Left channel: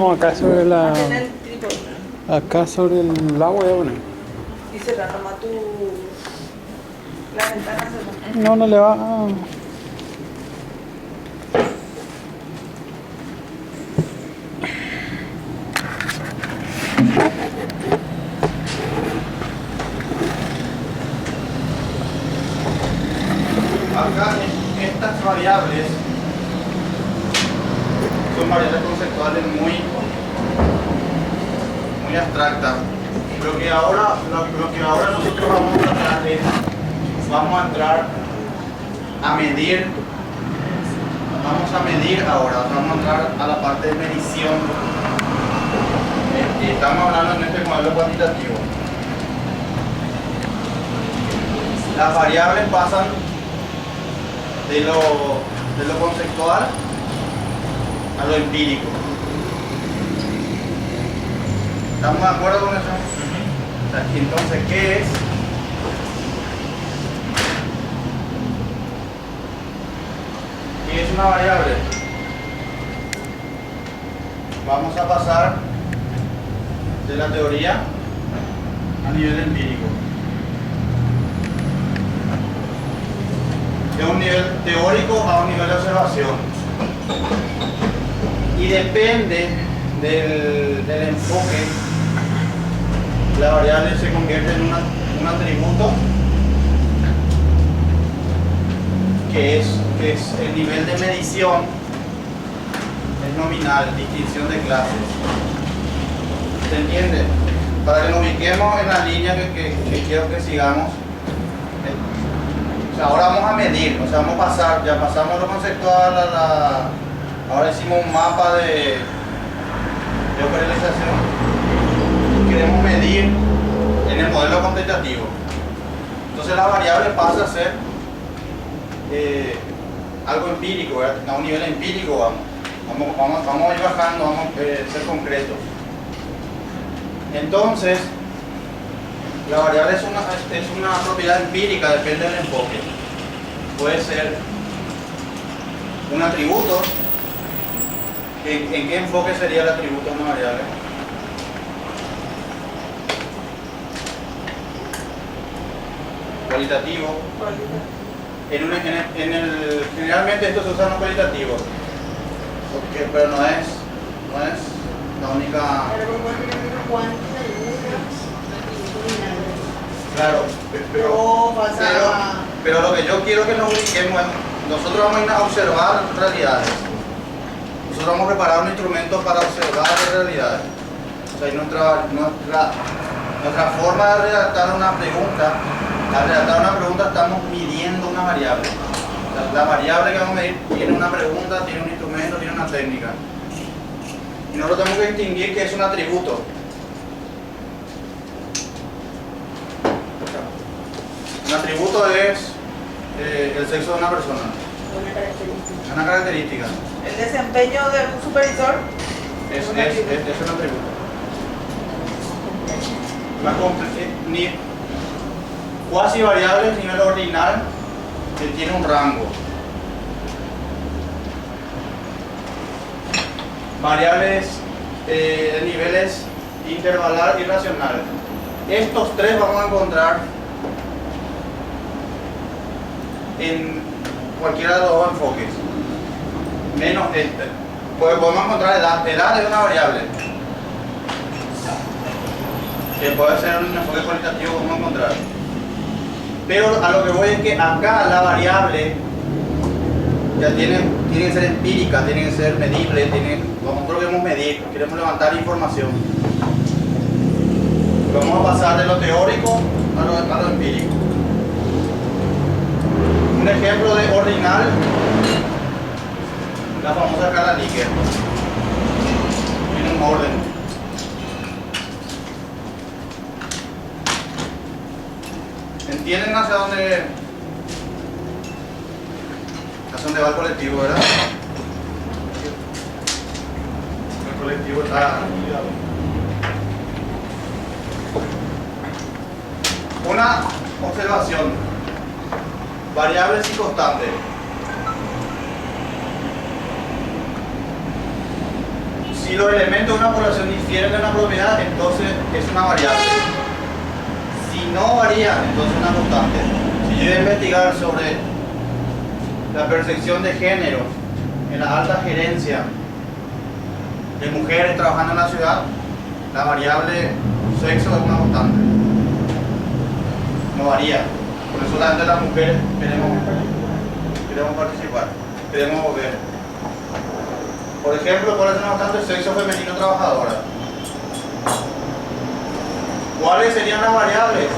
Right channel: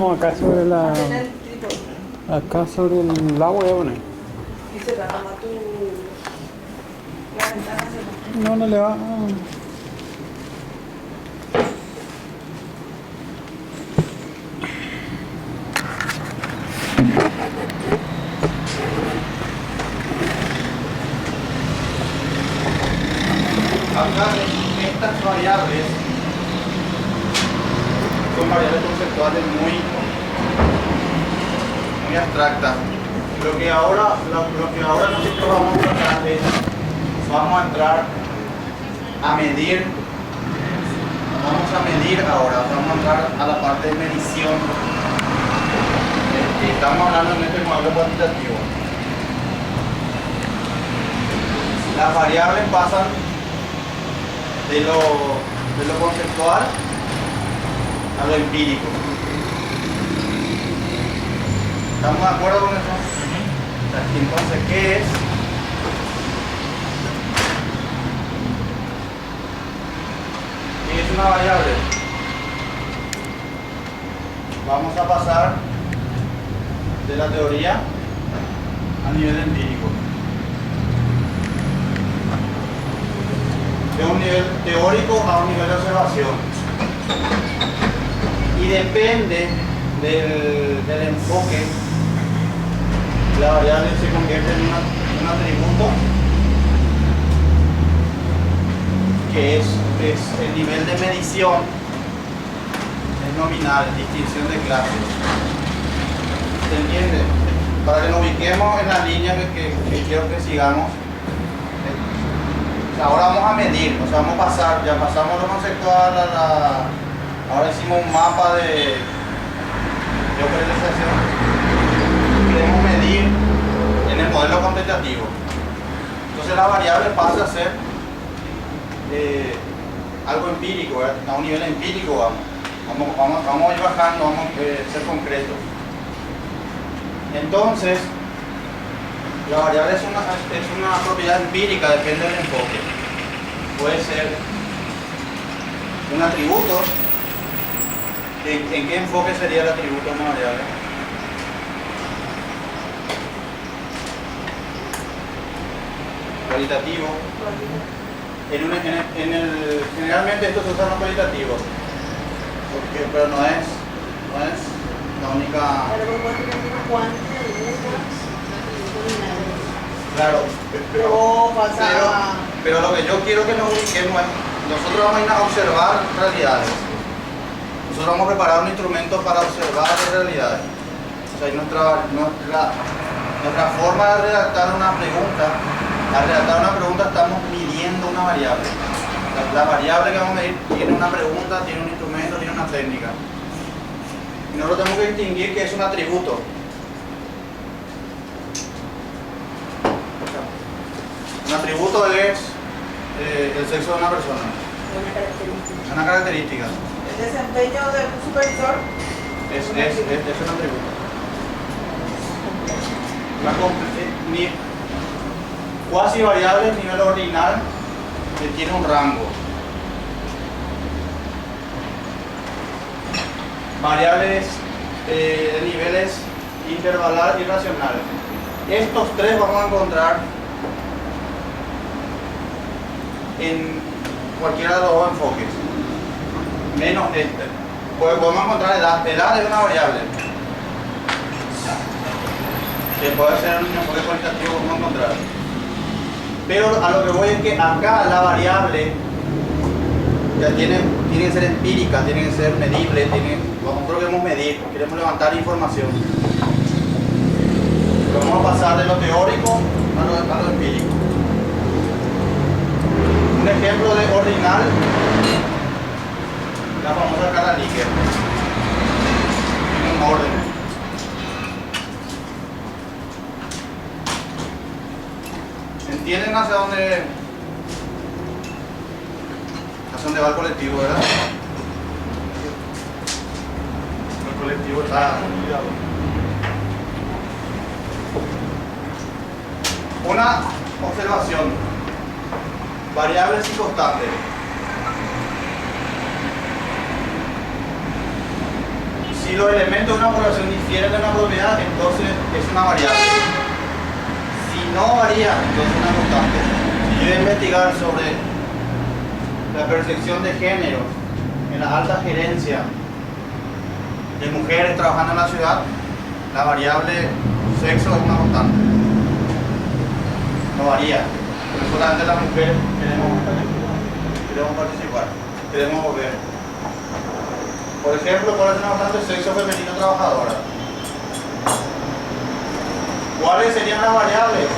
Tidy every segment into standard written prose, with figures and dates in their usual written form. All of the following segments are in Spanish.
No, acá sobre la. Mantén el trípode. Acá sobre el agua voy a poner. Y cerrar nomás la ventana. No, no le va. Acá estas variables son variables conceptuales muy abstractas. Lo que ahora nosotros vamos a tratar es, vamos a entrar a medir, ahora, vamos a entrar a la parte de medición. Estamos hablando en este modelo cuantitativo. Las variables pasan de lo conceptual a lo empírico. ¿Estamos de acuerdo con eso? Entonces, ¿qué es? ¿Qué es una variable? Vamos a pasar de la teoría a nivel empírico. De un nivel teórico a un nivel de observación. Y depende del enfoque, la variable se convierte en un atributo que es el nivel de medición, es nominal, distinción de clases. ¿Se entiende? Para que nos ubiquemos en la línea que quiero que sigamos. Ahora vamos a medir, o sea, vamos a pasar, ya pasamos lo conceptual ahora hicimos un mapa de operación. Queremos medir en el modelo cuantitativo. Entonces la variable pasa a ser algo empírico, ¿verdad? A un nivel empírico vamos a ir bajando, vamos a ser concretos. Entonces, la variable es una propiedad empírica, depende del enfoque. Puede ser un atributo. ¿En qué enfoque sería el atributo de una variable? Cualitativo. Generalmente estos se usan los cualitativos, pero no es la única. Claro, pero lo que yo quiero que nos ubiquemos es, nosotros vamos a ir a observar realidades. Nosotros vamos a preparar un instrumento para observar realidades. O sea, nuestra forma de redactar una pregunta, al redactar una pregunta estamos midiendo una variable. La variable que vamos a medir tiene una pregunta, tiene un instrumento, tiene una técnica. Y nosotros tenemos que distinguir que es un atributo. Un atributo es el sexo de una persona. Una característica. El desempeño de un supervisor es un atributo. Cuasi variable a nivel ordinal que tiene un rango. Variables de niveles intervalar y racional. Estos tres vamos a encontrar en cualquiera de los dos enfoques, menos este. Pues podemos encontrar edad. Edad es una variable que puede ser un enfoque cualitativo, vamos a encontrar. Pero a lo que voy es que acá la variable ya tiene que ser empírica, tiene que ser medible, nosotros queremos medir, queremos levantar información. Vamos a pasar de lo teórico a lo empírico. Un ejemplo de ordinal, la famosa escala Likert. Tiene un orden. ¿Entienden hacia dónde va el colectivo, verdad? El colectivo está ligado. Una observación. Variables y constantes. Si los elementos de una población difieren de una propiedad, entonces es una variable. Si no varía, entonces es una constante. Si yo voy a investigar sobre la percepción de género en la alta gerencia de mujeres trabajando en la ciudad, la variable sexo es una constante. No varía. Pero solamente las mujeres queremos participar, queremos ver. Por ejemplo, ¿cuál es una constante? Sexo femenino trabajadora. ¿Cuáles serían las variables?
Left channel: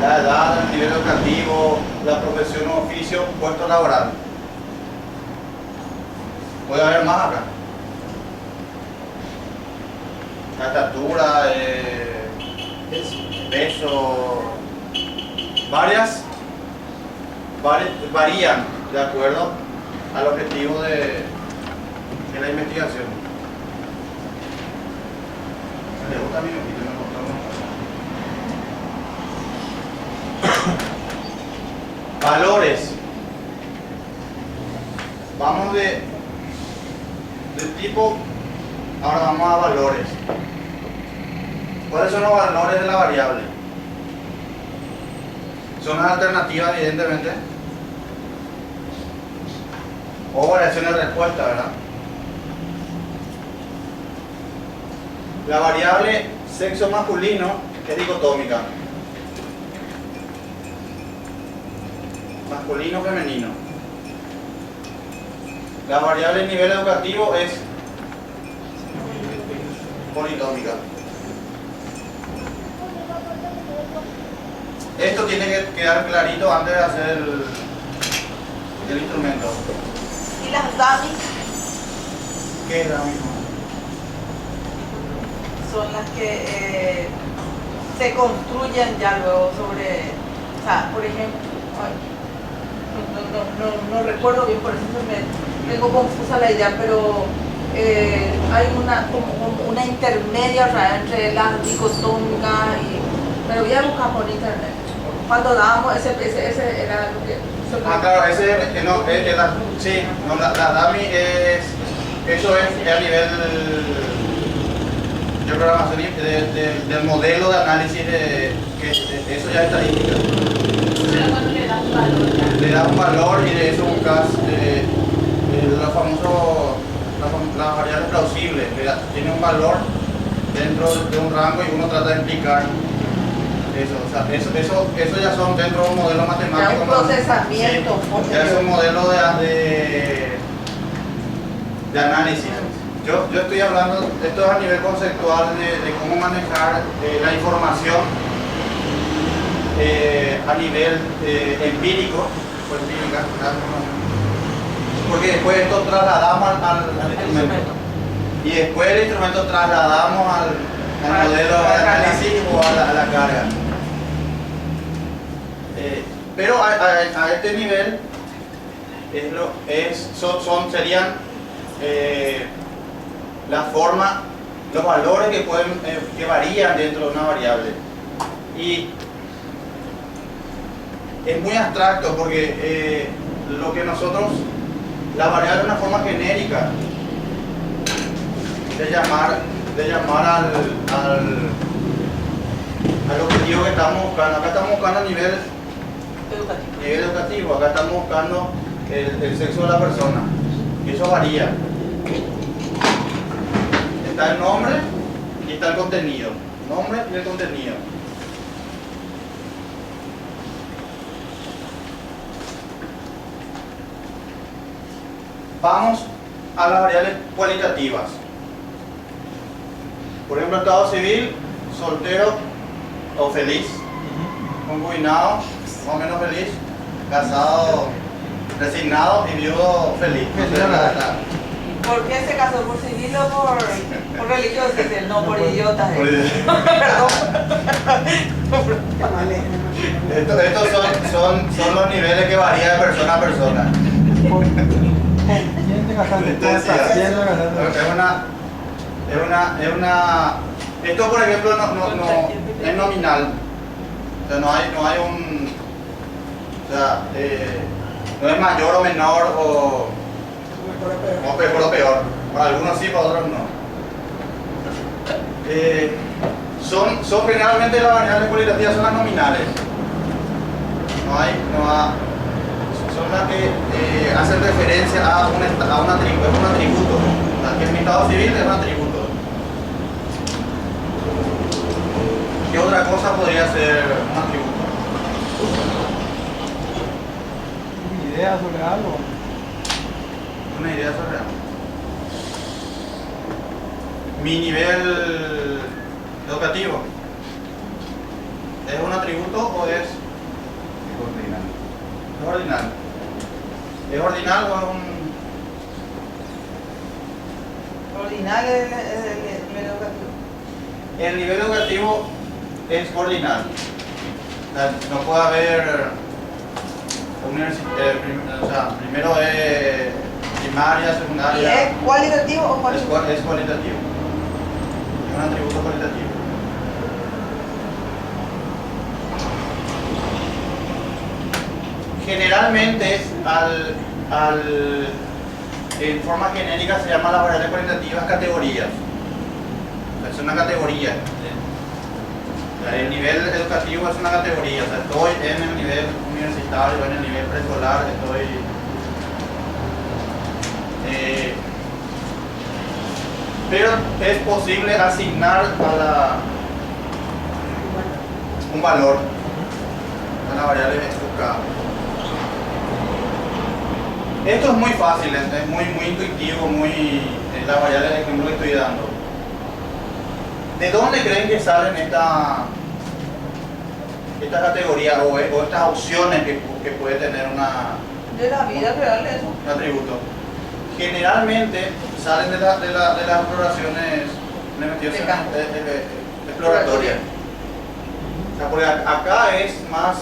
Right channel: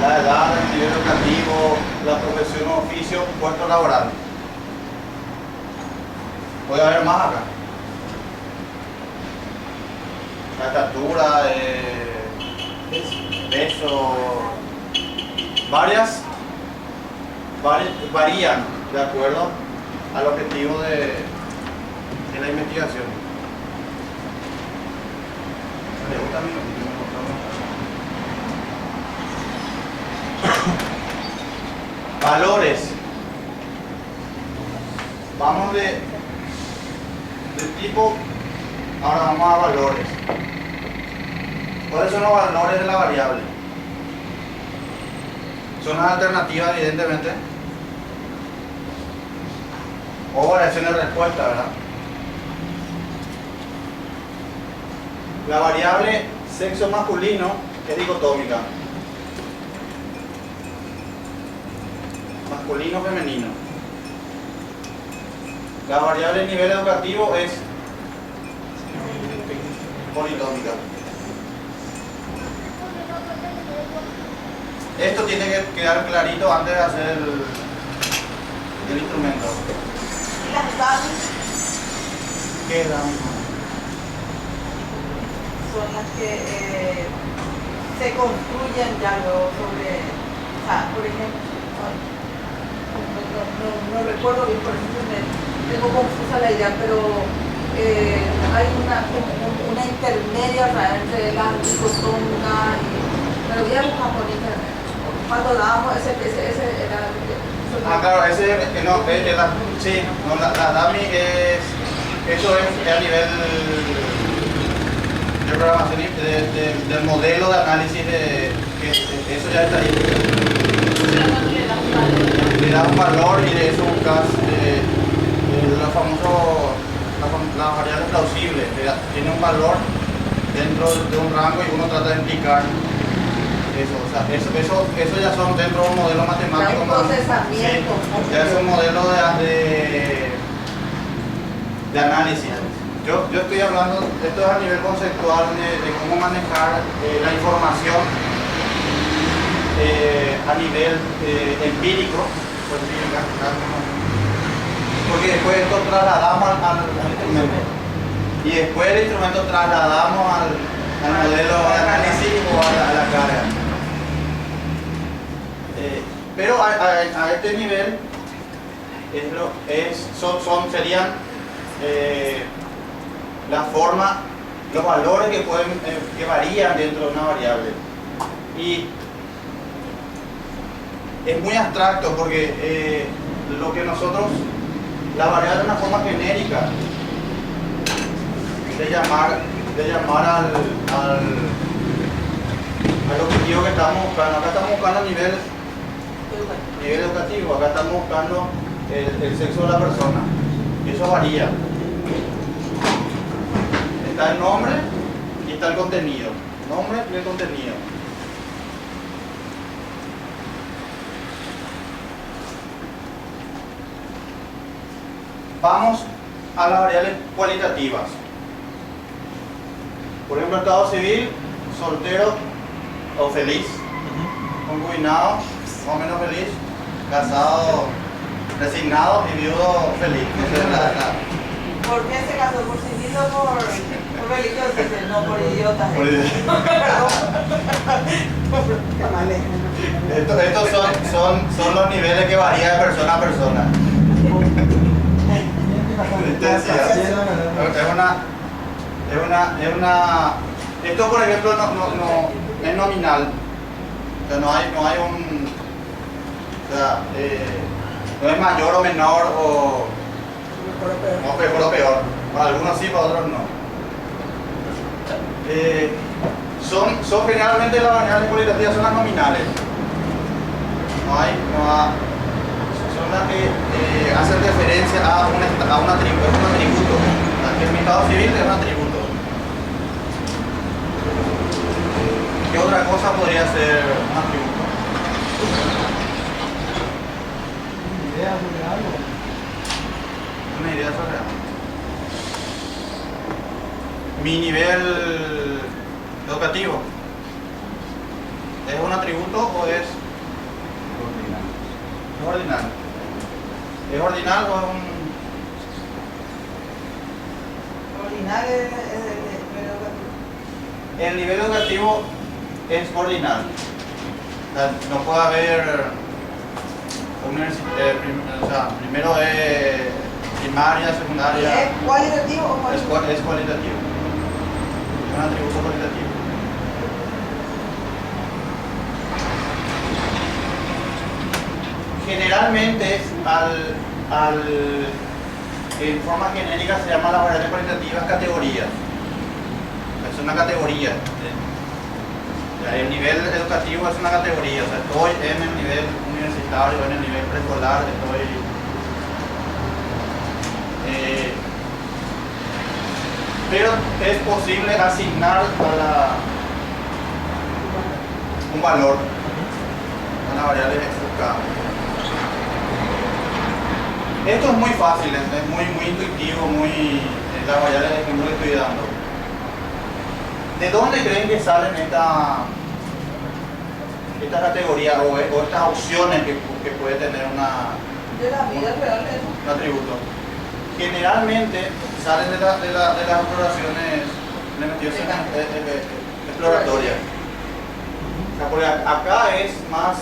La edad, el nivel educativo, la profesión o oficio, puesto laboral. Puede haber más acá. La estatura, peso, varían de acuerdo al objetivo de la investigación. Me gusta a mí, me gustó. Valores. Vamos de tipo, ahora vamos a valores. ¿Cuáles son los valores de la variable? Son las alternativas, evidentemente, o variaciones de respuesta, ¿verdad? La variable sexo masculino es dicotómica. Masculino, femenino. La variable nivel educativo es politómica. Esto tiene que quedar clarito antes de hacer el instrumento. ¿Y las dummies? ¿Qué es dummy? Son las que se construyen ya luego sobre, o sea, por ejemplo, no recuerdo bien, por eso me tengo confusa la idea, pero hay una intermedia, o sea, entre la dicotómica y, me lo voy a buscar por internet. Cuando dábamos ese era lo que... Claro, sí, no, la dummy eso es a nivel de programación del modelo de análisis eso ya es estadística. Le da un valor y de eso buscas las variables plausibles. Tiene un valor dentro de un rango y uno trata de explicar eso. O sea, eso ya son dentro de un modelo matemático. Ya un procesamiento. Sí, ya es un modelo de análisis. Yo estoy hablando, esto es a nivel conceptual de cómo manejar la información a nivel empírico, porque después esto trasladamos al instrumento y después el instrumento trasladamos al modelo de análisis o a la carga. Pero a este nivel serían la forma, los valores que varían dentro de una variable. Y es muy abstracto porque lo que nosotros, la variable es una forma genérica de llamar al objetivo que estamos buscando. Acá estamos buscando a nivel educativo, acá estamos buscando el sexo de la persona. Y eso varía. Está el nombre y está el contenido. Nombre y el contenido. Vamos a las variables cualitativas. Por ejemplo, estado civil, soltero o feliz, concubinado, más o menos feliz, casado, resignado y viudo feliz. ¿Por qué se casó? ¿Por civil o por religioso? No, por idiotas. Estos son los niveles que varían de persona a persona. Esto, por ejemplo, no es nominal. O sea, no hay un, o sea, no es mayor o menor o mejor o peor. Para algunos sí, para otros no. Son generalmente las variables cualitativas, son las nominales. Son las que hacen referencia a un atributo. Es un atributo. Que en mi estado civil es un atributo. ¿Qué otra cosa podría ser un atributo? ¿Una idea sobre algo? Una idea sobre algo. Mi nivel educativo, ¿es un atributo o es ordinal? Es ordinal. ¿Es ordinal o es un...? Ordinal es el nivel educativo. El nivel educativo es ordinal. O sea, no puede haber primero es primaria, ¿Y secundaria. es cualitativo o Es cuantitativo? cualitativo. Es un atributo cualitativo. Generalmente, en forma genérica se llaman las variables cualitativas categorías. Es una categoría. El nivel educativo es una categoría. O sea, estoy en el nivel universitario, en el nivel preescolar, pero es posible asignar un valor a la variable buscada. Esto es muy fácil, es muy intuitivo, la variable de ejemplo que estoy dando. ¿De dónde creen que salen esta categoría o estas opciones que puede tener De la vida real eso. un atributo? Generalmente salen de las exploraciones exploratorias. O sea, porque acá es más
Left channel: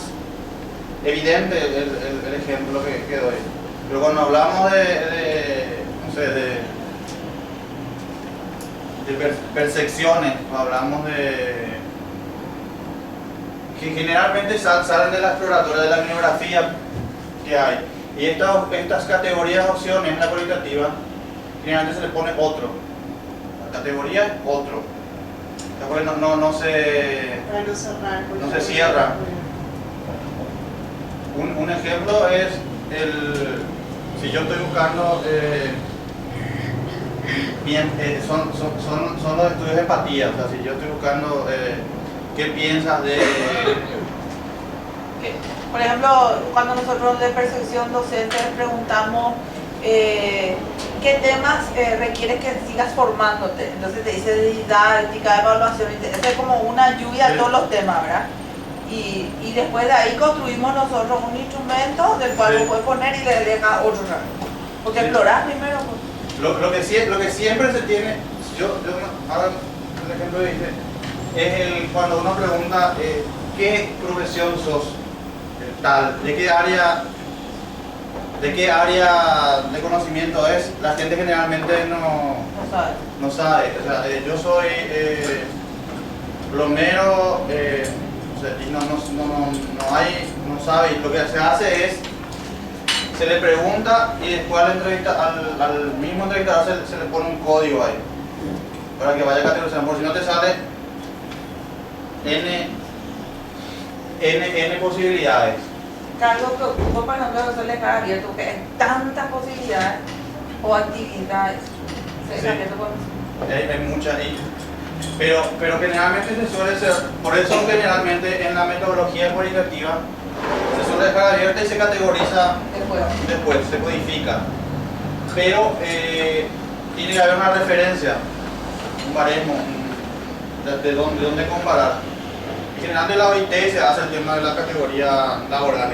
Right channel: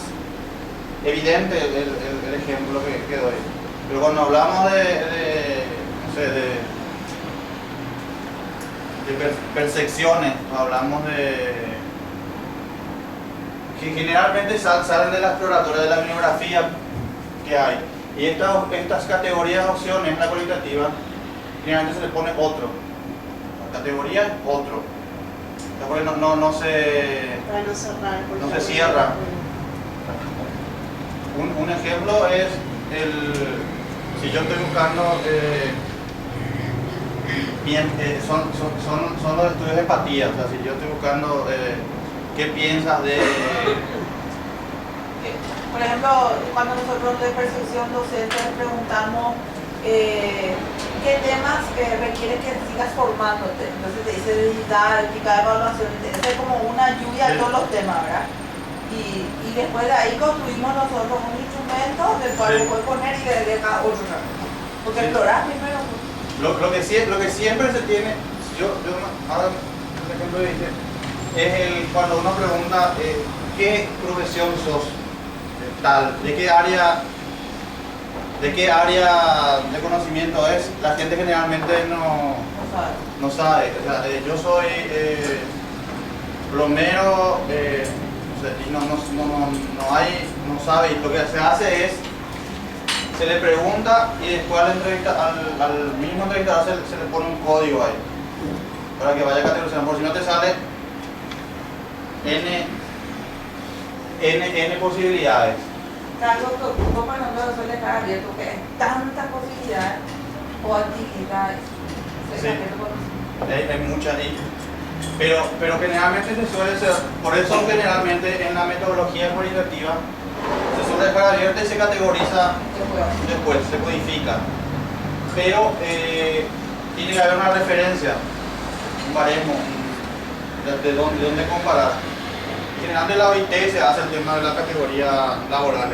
evidente el ejemplo que doy. Pero cuando hablamos de percepciones, hablamos que generalmente salen de la exploratoria, de la bibliografía que hay. Y estas categorías de opciones en la cualitativa, generalmente se le pone otro. La categoría es otro. No se cierra. Un ejemplo es si yo estoy buscando son los estudios de empatía. O sea, si yo estoy buscando qué piensas de... Por ejemplo, cuando nosotros de percepción docente les preguntamos qué temas requieres que sigas formándote. Entonces te dice de didáctica, evaluación, es como una lluvia de todos los temas, ¿verdad? Y después de ahí construimos nosotros un instrumento del cual lo puedes poner y le dejas otro. Porque explorar primero. Pues. Lo que siempre se tiene, ahora un ejemplo dice, es cuando uno pregunta qué profesión sos, tal, de qué área de conocimiento es, la gente generalmente no sabe. O sea, yo soy plomero, y no sabe, y lo que se hace es se le pregunta y después al mismo entrevistador se le pone un código ahí para que vaya categorizando, por si no te sale N posibilidades. Carlos preocupa para nosotros hacerle cara abierto, que hay tantas posibilidades o actividades. Sí. Hay muchas ahí. Pero generalmente se suele ser, por eso generalmente en la metodología cualitativa se suele dejar abierta y se categoriza después, se codifica. Pero tiene que haber una referencia, un baremo, de dónde comparar. Y generalmente la OIT se hace el tema de la categoría laboral.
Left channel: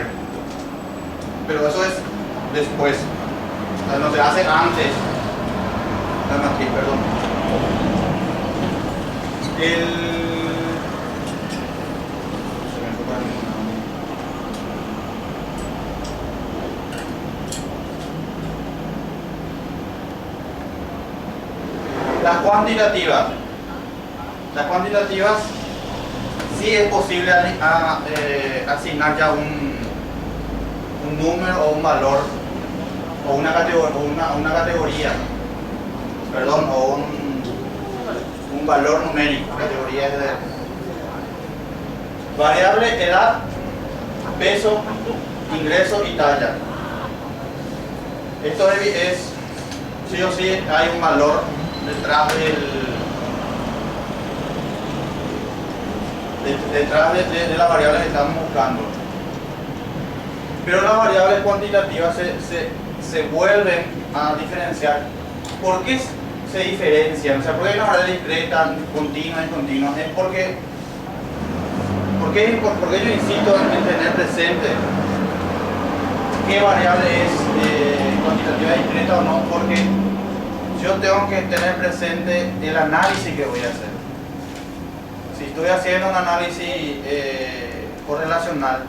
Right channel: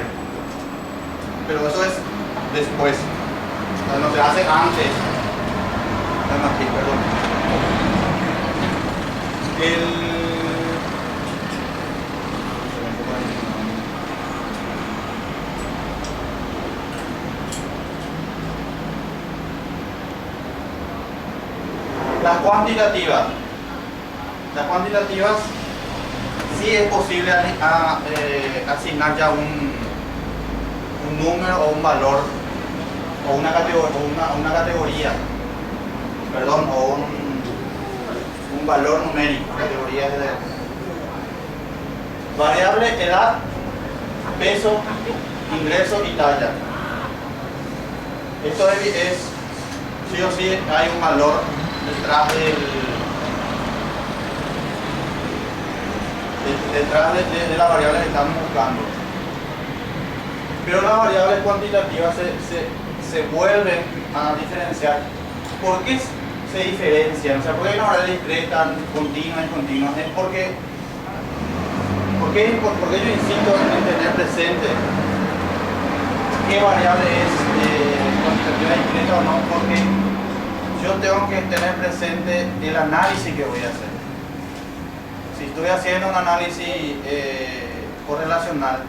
Pero eso es después, o sea, no se hace antes. Aquí, perdón. Las cuantitativas. Las cuantitativas sí es posible asignar ya un número o un valor o una categoría. perdón, o un valor numérico, categoría de variable, edad, peso, ingreso y talla. Esto es sí o sí hay un valor detrás de la variable que estamos buscando. Pero las variables cuantitativas se vuelven a diferenciar. ¿Por qué se diferencian? O sea, ¿por qué hay una variable discreta, continua y continua? Es porque yo insisto en tener presente qué variable es cuantitativa discreta o no, porque yo tengo que tener presente el análisis que voy a hacer. Si estoy haciendo un análisis correlacional,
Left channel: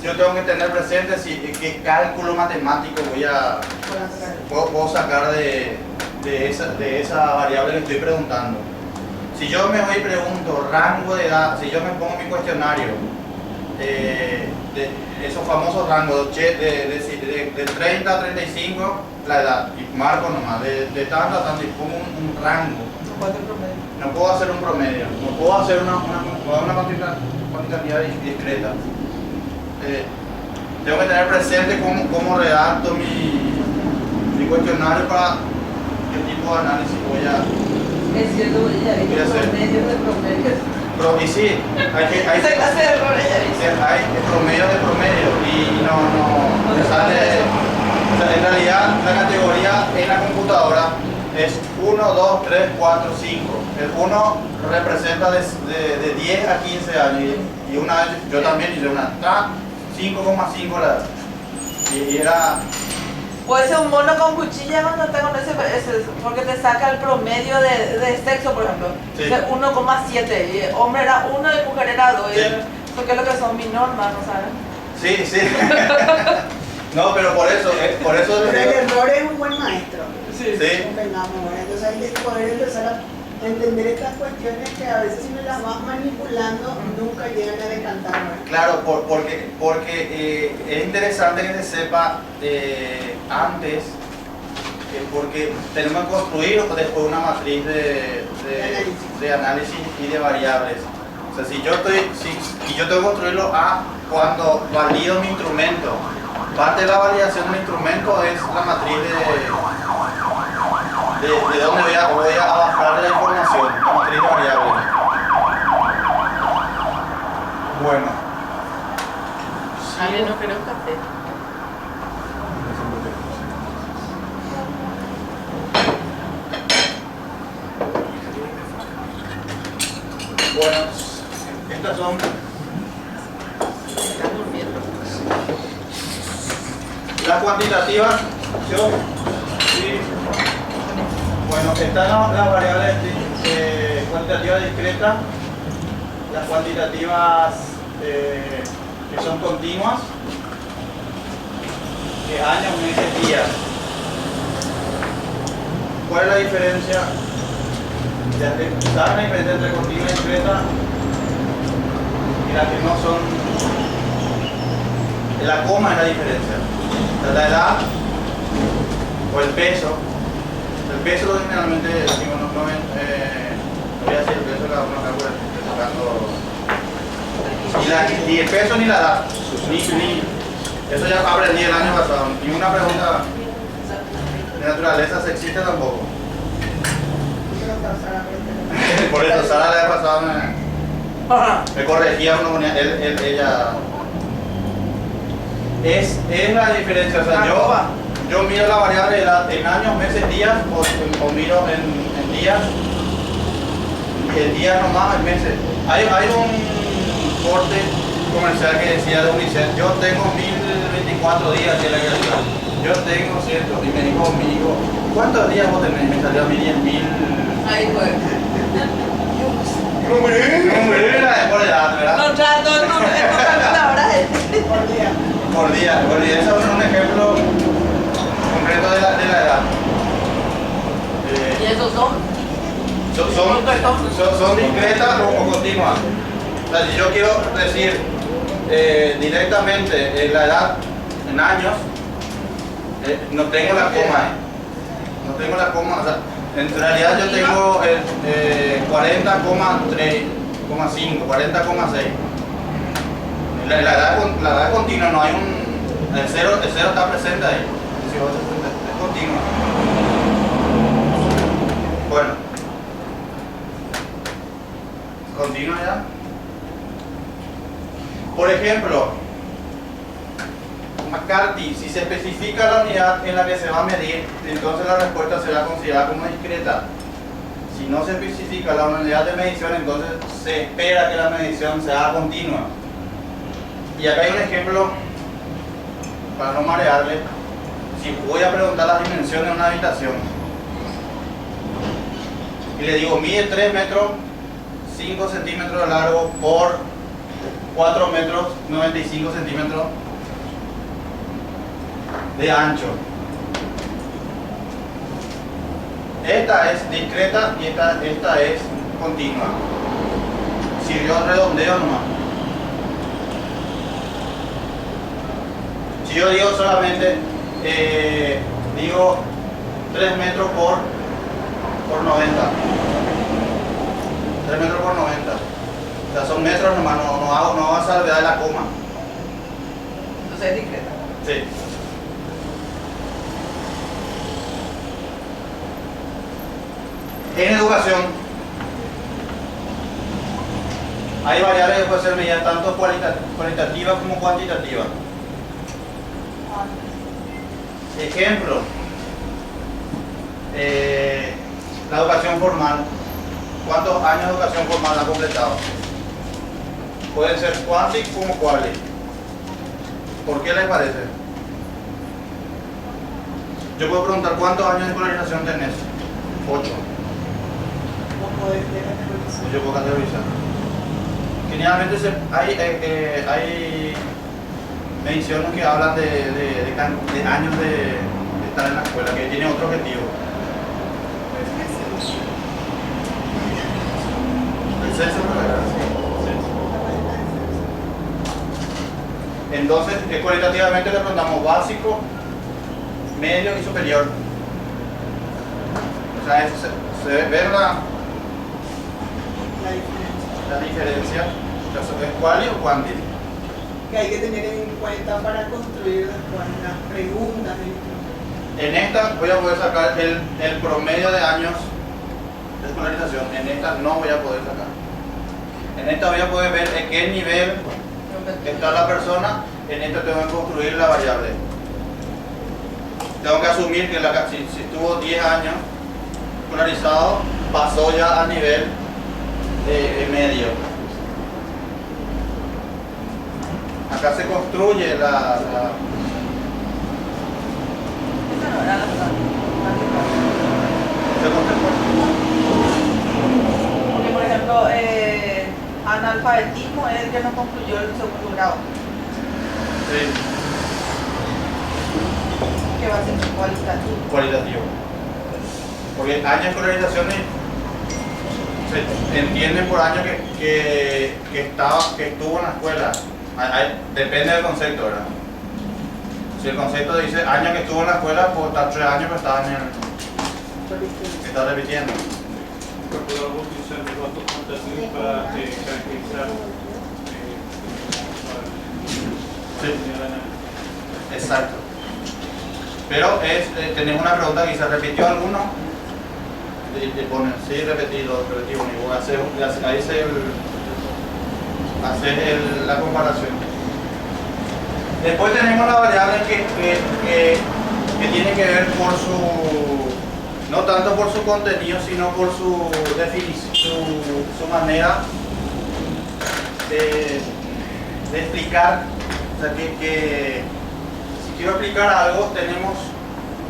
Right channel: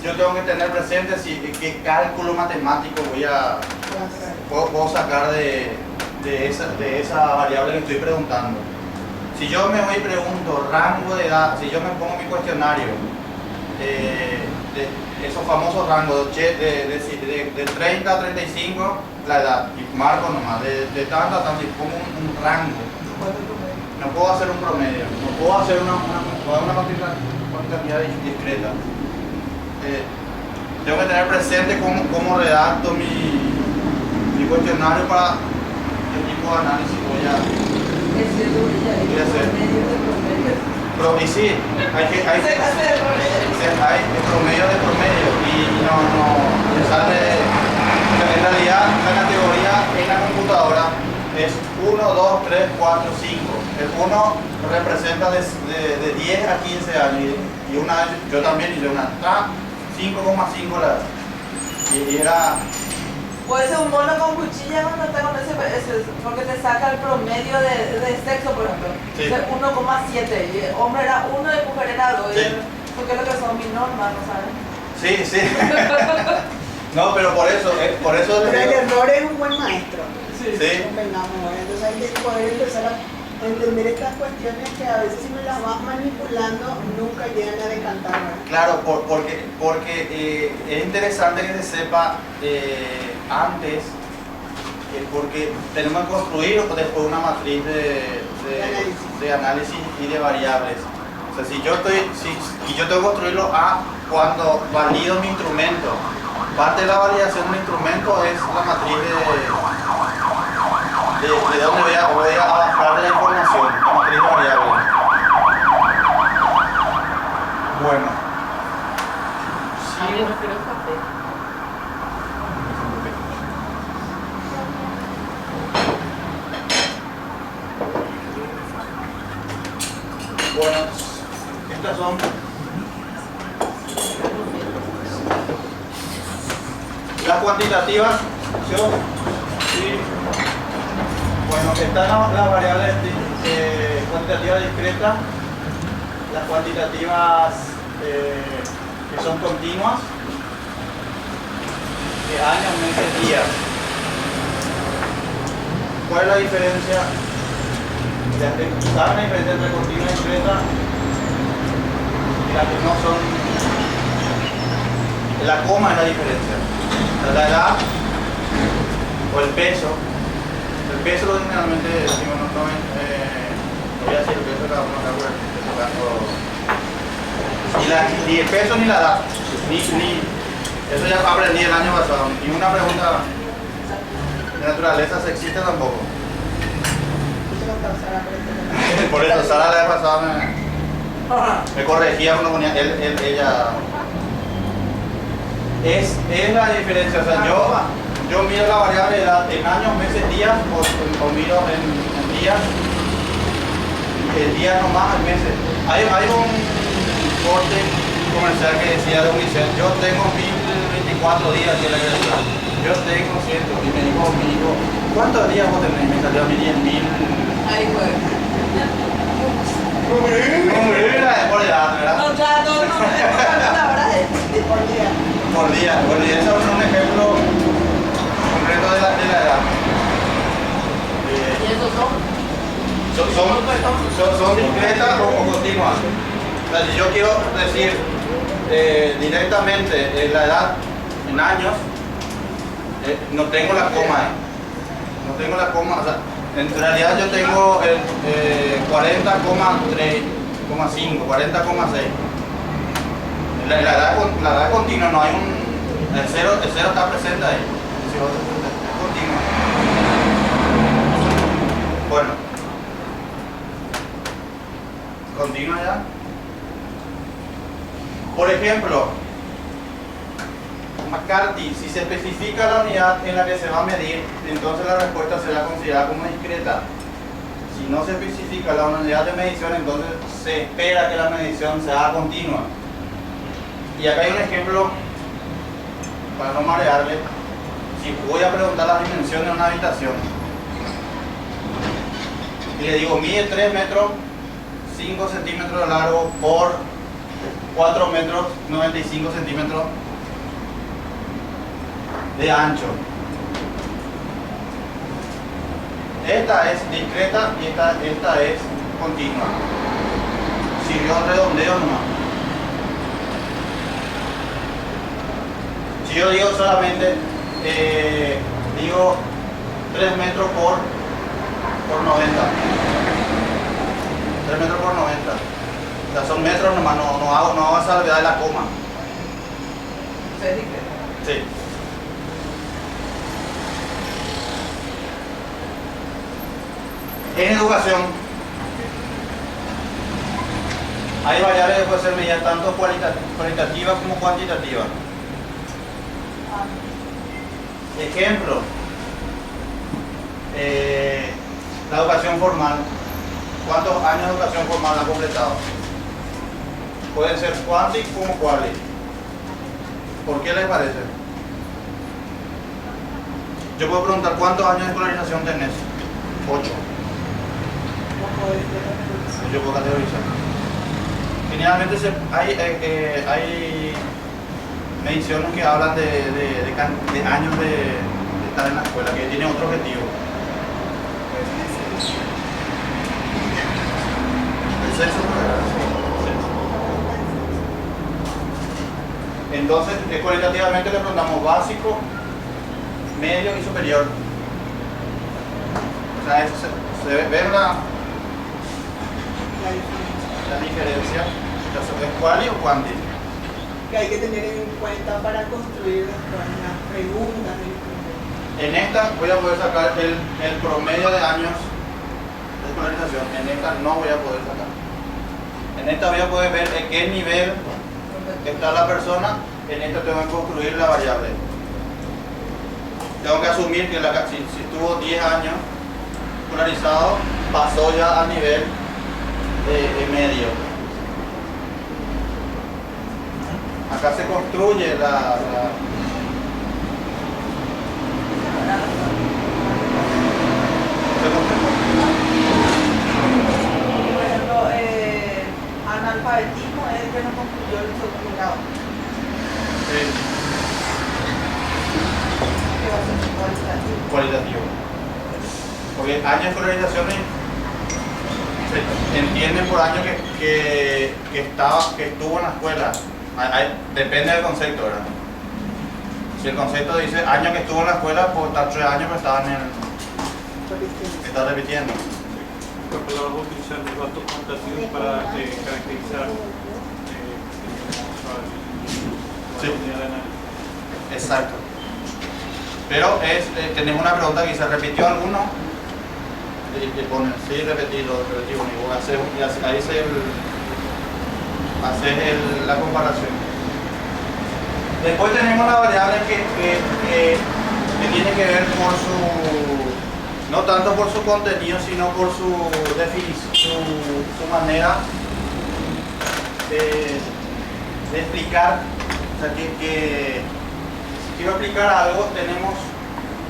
yo tengo que tener presente qué cálculo matemático puedo sacar de esa variable que estoy preguntando. Si yo me voy y pregunto rango de edad, si yo me pongo mi cuestionario, esos famosos rangos de 30 a 35, la edad, y marco nomás, de tanto a tanto, y pongo un rango. No puedo hacer un promedio, no puedo hacer una cuantitativa discreta. Tengo que tener presente cómo redacto mi cuestionario para qué tipo de análisis voy a hacer. Y sí, hay promedio de promedio y no me sale. O sea, en realidad la categoría en la computadora es 1, 2, 3, 4, 5. El 1 representa de 10 a 15 años y una vez yo también hice una 5,5 la edad. Y era... Puede ser un mono con cuchilla cuando está con ese, porque te saca el promedio de sexo, por ejemplo. Sí. 1,7 y hombre era 1 y mujer era 2. Sí. Porque es lo que son mis normas, ¿no sabes? Sí, sí. No, pero por eso Pero el error es un buen maestro. Sí. Convengamos, entonces hay que poder empezar a entender estas cuestiones que a veces si me las vas manipulando nunca llegan a decantar, ¿verdad? Claro, porque es interesante que se sepa antes, porque tenemos que construir después una matriz de análisis y de variables. O sea, si yo tengo que construirlo cuando valido mi instrumento. Parte de la validación de un instrumento es la matriz de dónde voy a bajar la información, la matriz de variables. Bueno. A mí no quiero café. Bueno, estas son las cuantitativas. Sí. Bueno, están las variables cuantitativas discretas, las cuantitativas que son continuas, de años, meses, días. ¿Cuál es la diferencia? ¿Saben la diferencia entre continua y discreta? Y las que no son. La coma es la diferencia. La edad o el peso. El peso generalmente decimos, no voy a decir el peso de cada uno acá ni el peso ni la edad. Eso ya aprendí el año pasado. Ni una pregunta de naturaleza sexista tampoco. Por eso Sara la vez pasada me corregía cuando ponía ella. Es la diferencia, o sea, yo miro la variable de edad en años, meses, días o miro en días, el día nomás, en meses. Hay un corte comercial que decía de Unicef, yo tengo 1024 días que la gracia. Yo tengo 100 y me dijo mi hijo, ¿cuántos días vos tenés? Me salió a mí 10.000. Ahí fue. Por edad, ¿verdad? No, ya, no, ahora Por día. Eso es un ejemplo concreto de la edad. ¿Y esos Son discretas o continuas. O sea, si yo quiero decir directamente la edad en años, no tengo la coma. No tengo la coma, o sea, en realidad yo tengo el 40,3,5, 40,6. La edad continua, no hay un. El cero está presente ahí. Es continuo. Bueno. Continua ya. Por ejemplo, McCarthy, si se especifica la unidad en la que se va a medir, entonces la respuesta será considerada como discreta. Si no se especifica la unidad de medición, entonces se espera que la medición sea continua. Y acá hay un ejemplo para no marearle. Si voy a preguntar las dimensiones de una habitación y le digo mide 3 metros 5 centímetros de largo por 4 metros 95 centímetros de ancho. Esta es discreta y esta es continua. Sirvió redondeo nomás. Si yo digo solamente, digo 3 metros por 90. 3 metros por 90. O sea, son metros nomás, no hago salvedad de la coma. Entonces es discreta. Sí. En educación hay variables que pueden ser medidas tanto cualitativas como cuantitativas. Ejemplo, la educación formal. ¿Cuántos años de educación formal ha completado? Pueden ser quanti como quali. ¿Por qué les parece? Yo puedo preguntar cuántos años de escolarización tenés. 8. Yo puedo categorizar. Generalmente hay mediciones que hablan de años de estar en la escuela, que tiene otro objetivo. El sexo, entonces, cualitativamente le preguntamos básico, medio y superior. O sea, eso se ve la diferencia. ¿Es quali o quanti? Que hay que tener en cuenta para construir las preguntas. En esta voy a poder sacar el promedio de años de escolarización. En esta no voy a poder sacar. En esta voy a poder ver en qué nivel está la persona. En esta tengo que construir la variable. Tengo que asumir que si estuvo 10 años escolarizado, pasó ya a nivel medio. Acá se construye Porque, por ejemplo, analfabetismo es el que no concluyó el segundo grado. Sí. Que va a ser cualitativo. Cualitativo. Porque años de escolarización se entiende por año que estuvo en la escuela. Depende del concepto, ¿verdad? Si el concepto dice año que estuvo en la escuela, pues está 3 años que estaba que está repitiendo. Podemos utilizar los datos cuantitativos para caracterizar Sí. Exacto. Pero tenemos una pregunta que se repitió alguno. Y ponen, sí, repetido, y voy a hacer, ahí la comparación. Después tenemos la variable que tiene que ver por no tanto por su contenido, sino por su definición, su manera de explicar. O sea, que si quiero explicar algo, tenemos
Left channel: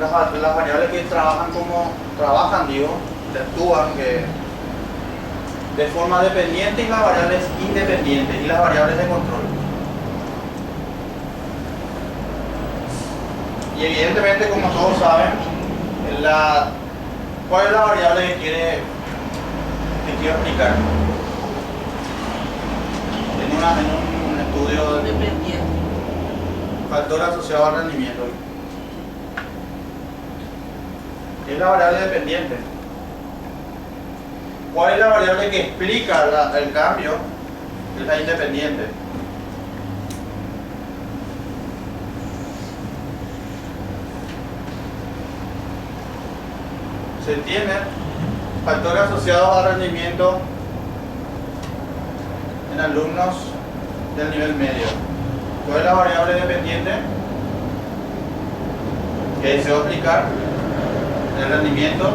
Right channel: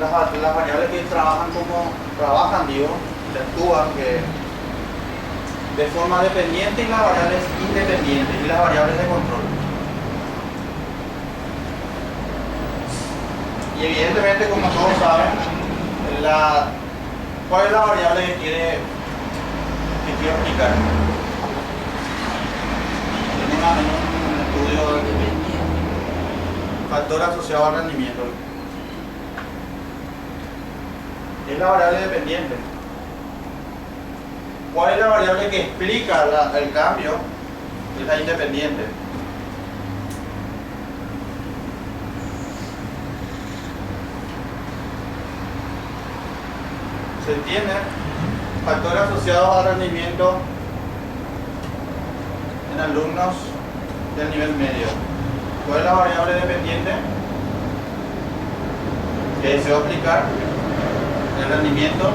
las variables que que actúan de forma dependiente, y las variables independientes y las variables de control. Y evidentemente, como todos saben, ¿cuál es la variable que quiero explicar? En un estudio Independiente. factor asociado al rendimiento. es la variable dependiente. ¿Cuál es la variable que explica el cambio? Es la independiente. Se entiende factores asociados al rendimiento en alumnos del nivel medio. ¿Cuál es la variable dependiente? Que deseo explicar el rendimiento,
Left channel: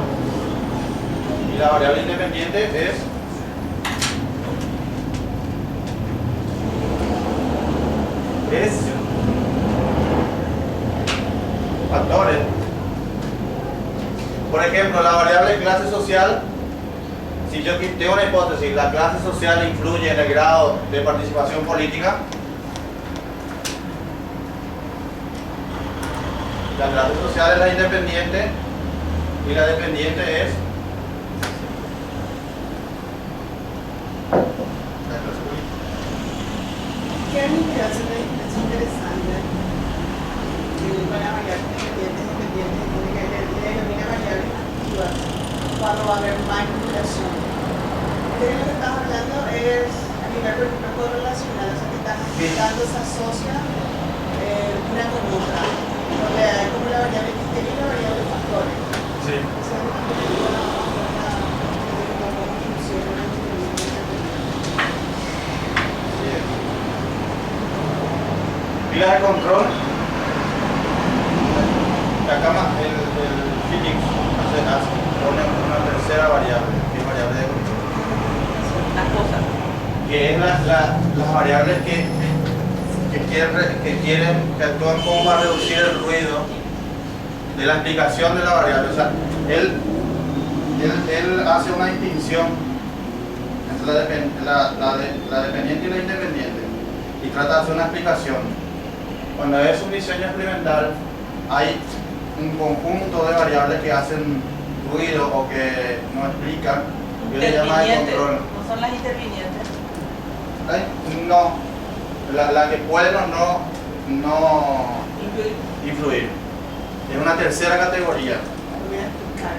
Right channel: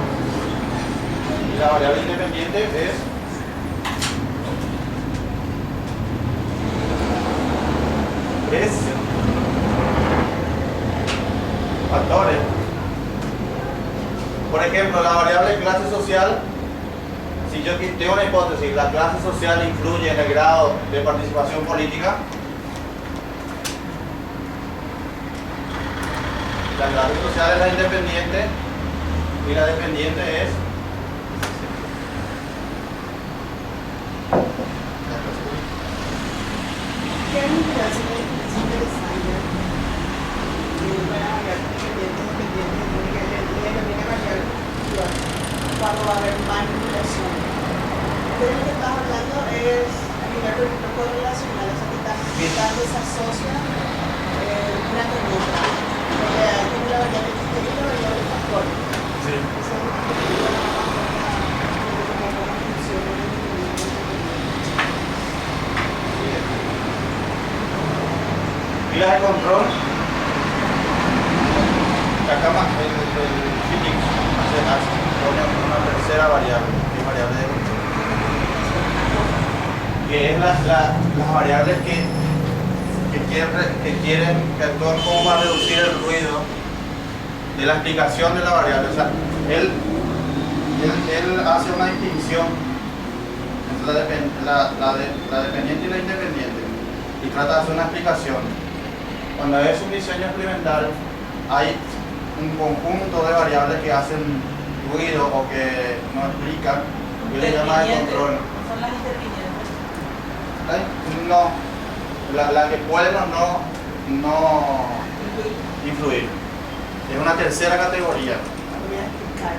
y la variable independiente es factores. Por ejemplo, la variable clase social, si yo tengo una hipótesis, la clase social influye en el grado de participación política. La clase social es la independiente y la dependiente es la clase política. ¿Qué es lo que hace una diferencia interesante entre una variable dependiente y dependiente? Tiene que ver la única variable individual cuando va a haber manipulación. De lo que estás hablando es a nivel, por ejemplo, correlacional, o sea que estás desasocia una con otra. Porque hay como la variable criterio y la variable factor. Sí. Eso es lo que te digo, cómo funciona la Pilas de control. Acá el Phoenix hace una tercera variable, que es variable de control. Que es las variables que actúan como para reducir el ruido de la explicación de la variable. O sea, él hace una distinción entre la dependiente y la independiente y trata de hacer una explicación. Cuando es un diseño experimental, hay un conjunto de variables que hacen ruido o que no explican, que le llama de control. ¿No son las intervinientes? No, la que pueden o no influir. Es una tercera categoría. voy a explicar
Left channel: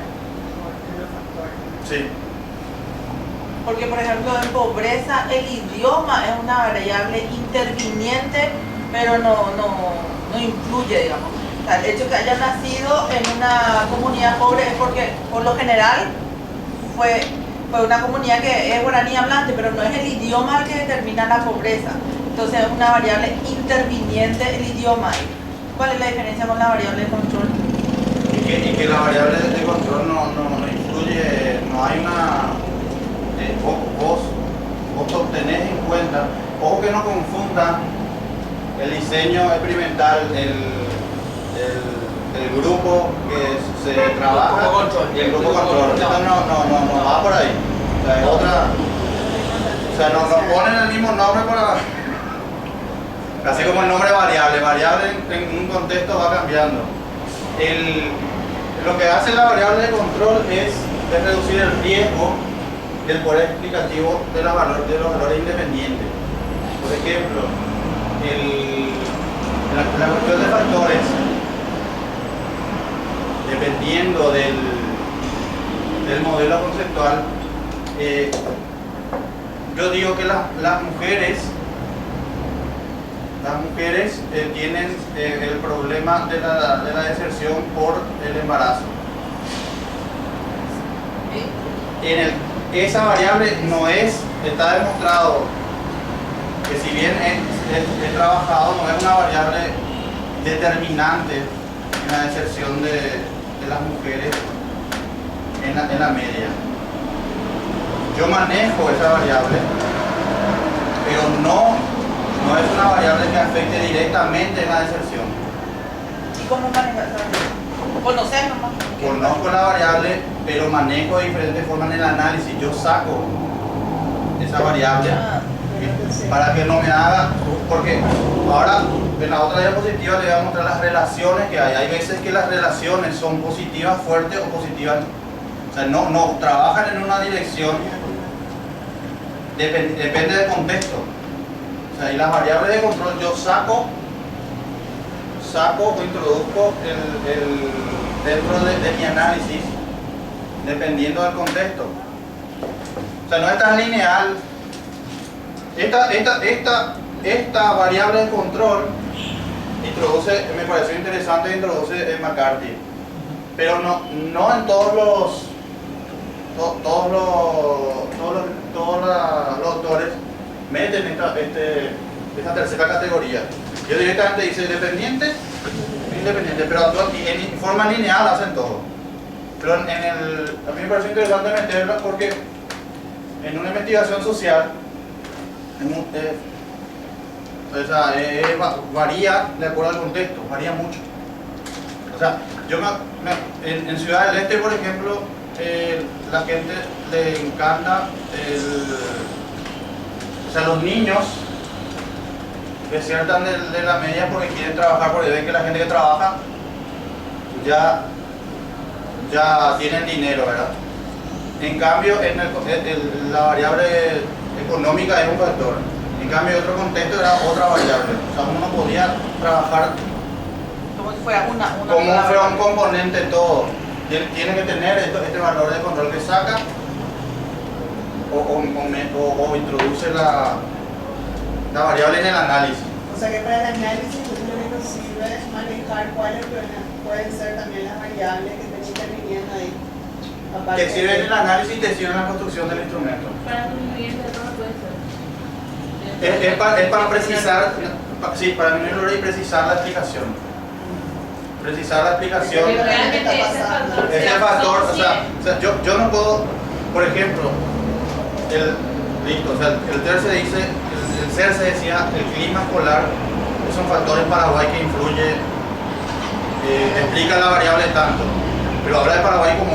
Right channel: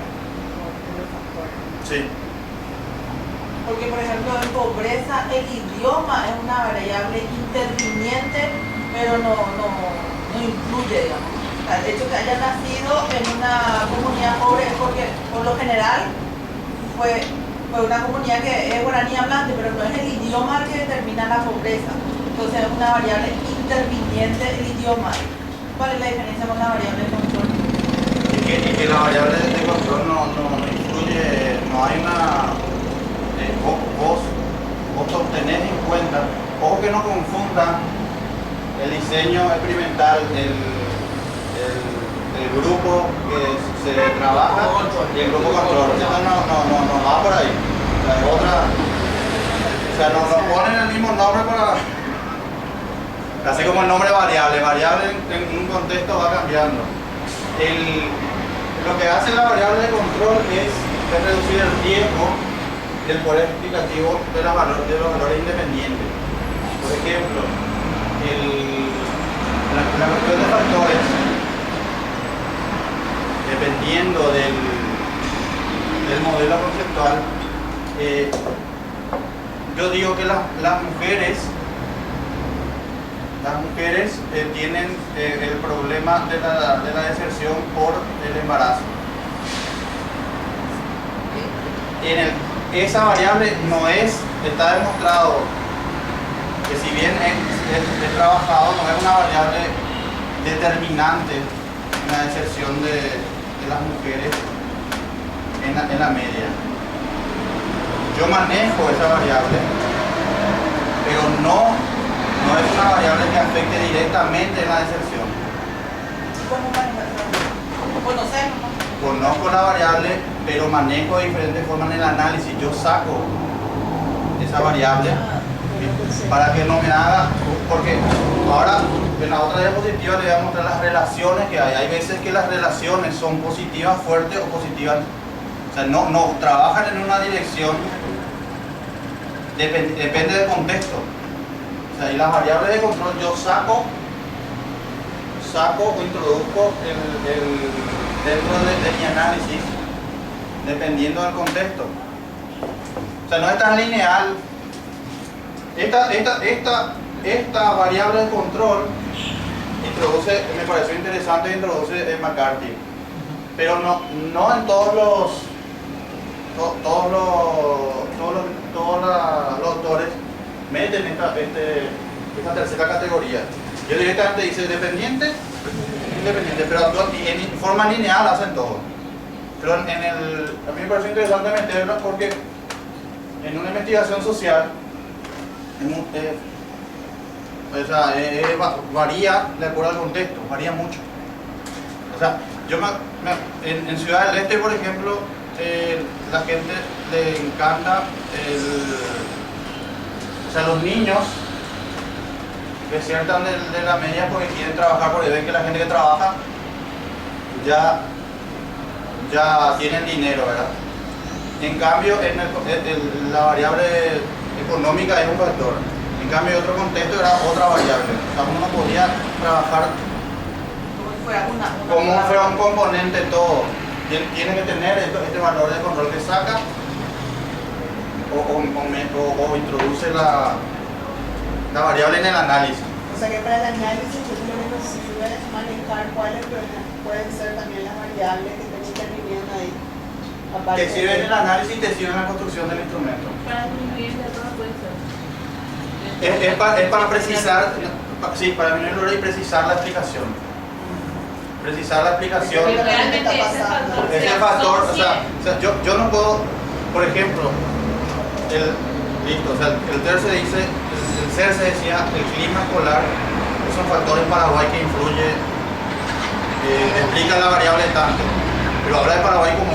los factores. Sí. Porque, por ejemplo, en pobreza el idioma es una variable interviniente, pero no influye, digamos. O sea, el hecho que haya nacido en una comunidad pobre es porque, por lo general, fue una comunidad que es guaraní hablante, pero no es el idioma el que determina la pobreza. Entonces es una variable interviniente el idioma. ¿Cuál es la diferencia con la variable de control? Y que la variable de control no influye, no hay una... vos tenés en cuenta, ojo que no confundan el diseño experimental, el grupo que se trabaja y el grupo control. Esto no va por ahí. O sea, es otra... O sea, nos ponen el mismo nombre para... Así como el nombre variable en un contexto va cambiando. Lo que hace la variable de control es reducir el riesgo del poder explicativo de los valores independientes. Por ejemplo, la cuestión de factores, dependiendo del modelo conceptual, yo digo que las mujeres tienen el problema de la deserción por el embarazo. Esa variable está demostrado que si bien es trabajado, no es una variable determinante en la deserción de las mujeres en la media. Yo manejo esa variable, pero no es una variable que afecte directamente en la deserción. ¿Y cómo manejas esa variable? ¿Conocer nomás? Conozco la variable, pero manejo de diferentes formas en el análisis. Yo saco esa variable para que no me haga, porque ahora en la otra diapositiva le voy a mostrar las relaciones que hay. Hay veces que las relaciones son positivas, fuertes o positivas, o sea, no trabajan en una dirección, depende del contexto. O sea, y las variables de control yo saco o introduzco dentro de mi análisis dependiendo del contexto. O sea, no es tan lineal. Esta variable de control introduce, me pareció interesante, introduce McCarthy, pero no en todos los autores meten esta tercera categoría. Yo directamente dice dependiente, independiente, pero en forma lineal hacen todo. Pero a mí me pareció interesante meterla porque en una investigación social varía de acuerdo al contexto, varía mucho. O sea, en Ciudad del Este, por ejemplo, la gente le encanta los niños desiertan de la media porque quieren trabajar, porque ven que la gente que trabaja ya tienen dinero, ¿verdad? En cambio, la variable económica es un factor. En cambio, otro contexto era otra variable. O sea, uno podía trabajar Como si fuera como fuera un componente todo. Tiene que tener este valor de control que saca o introduce la variable en el análisis. O sea que para el análisis lo que nos sirve es manejar cuáles pueden ser también las variables que están interviniendo ahí. Te sirve en el análisis y te sirve en la construcción del instrumento. Para disminuir el error puede ser. Es para precisar, sí, para disminuir el error y precisar la explicación. Precisar la explicación. Pero realmente Ese factor, o sea, yo no puedo, por ejemplo, el CERCE dice, el CERCE decía, el clima polar es un factor en Paraguay que influye, explica la variable tanto, pero habla de Paraguay como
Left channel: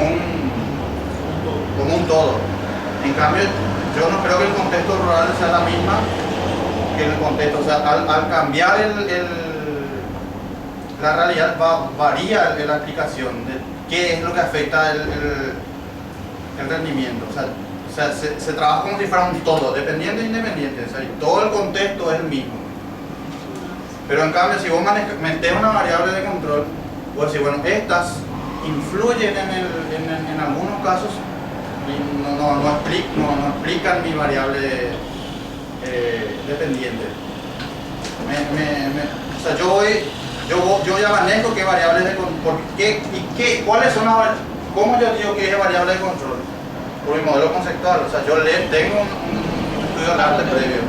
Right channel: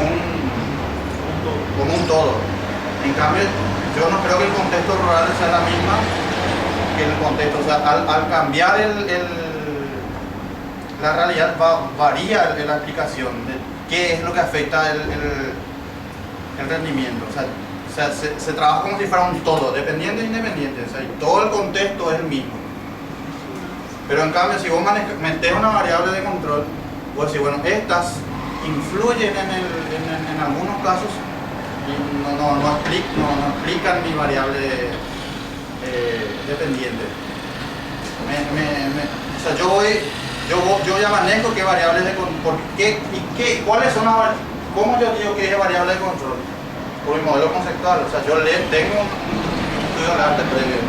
un todo. En cambio, yo no creo que el contexto rural sea la misma que el contexto, o sea, al cambiar la realidad varía la aplicación de qué es lo que afecta el rendimiento. O sea, se trabaja como si fuera un todo, dependiente e independiente. O sea, todo el contexto es el mismo. Pero en cambio, si vos metés una variable de control, pues decir, bueno, estas influyen en algunos casos y no explican mi variable dependiente. O sea, yo ya manejo qué variables de control, cuáles son cómo yo digo que es variable de control, por mi modelo conceptual. O sea, yo tengo un estudio del arte previo.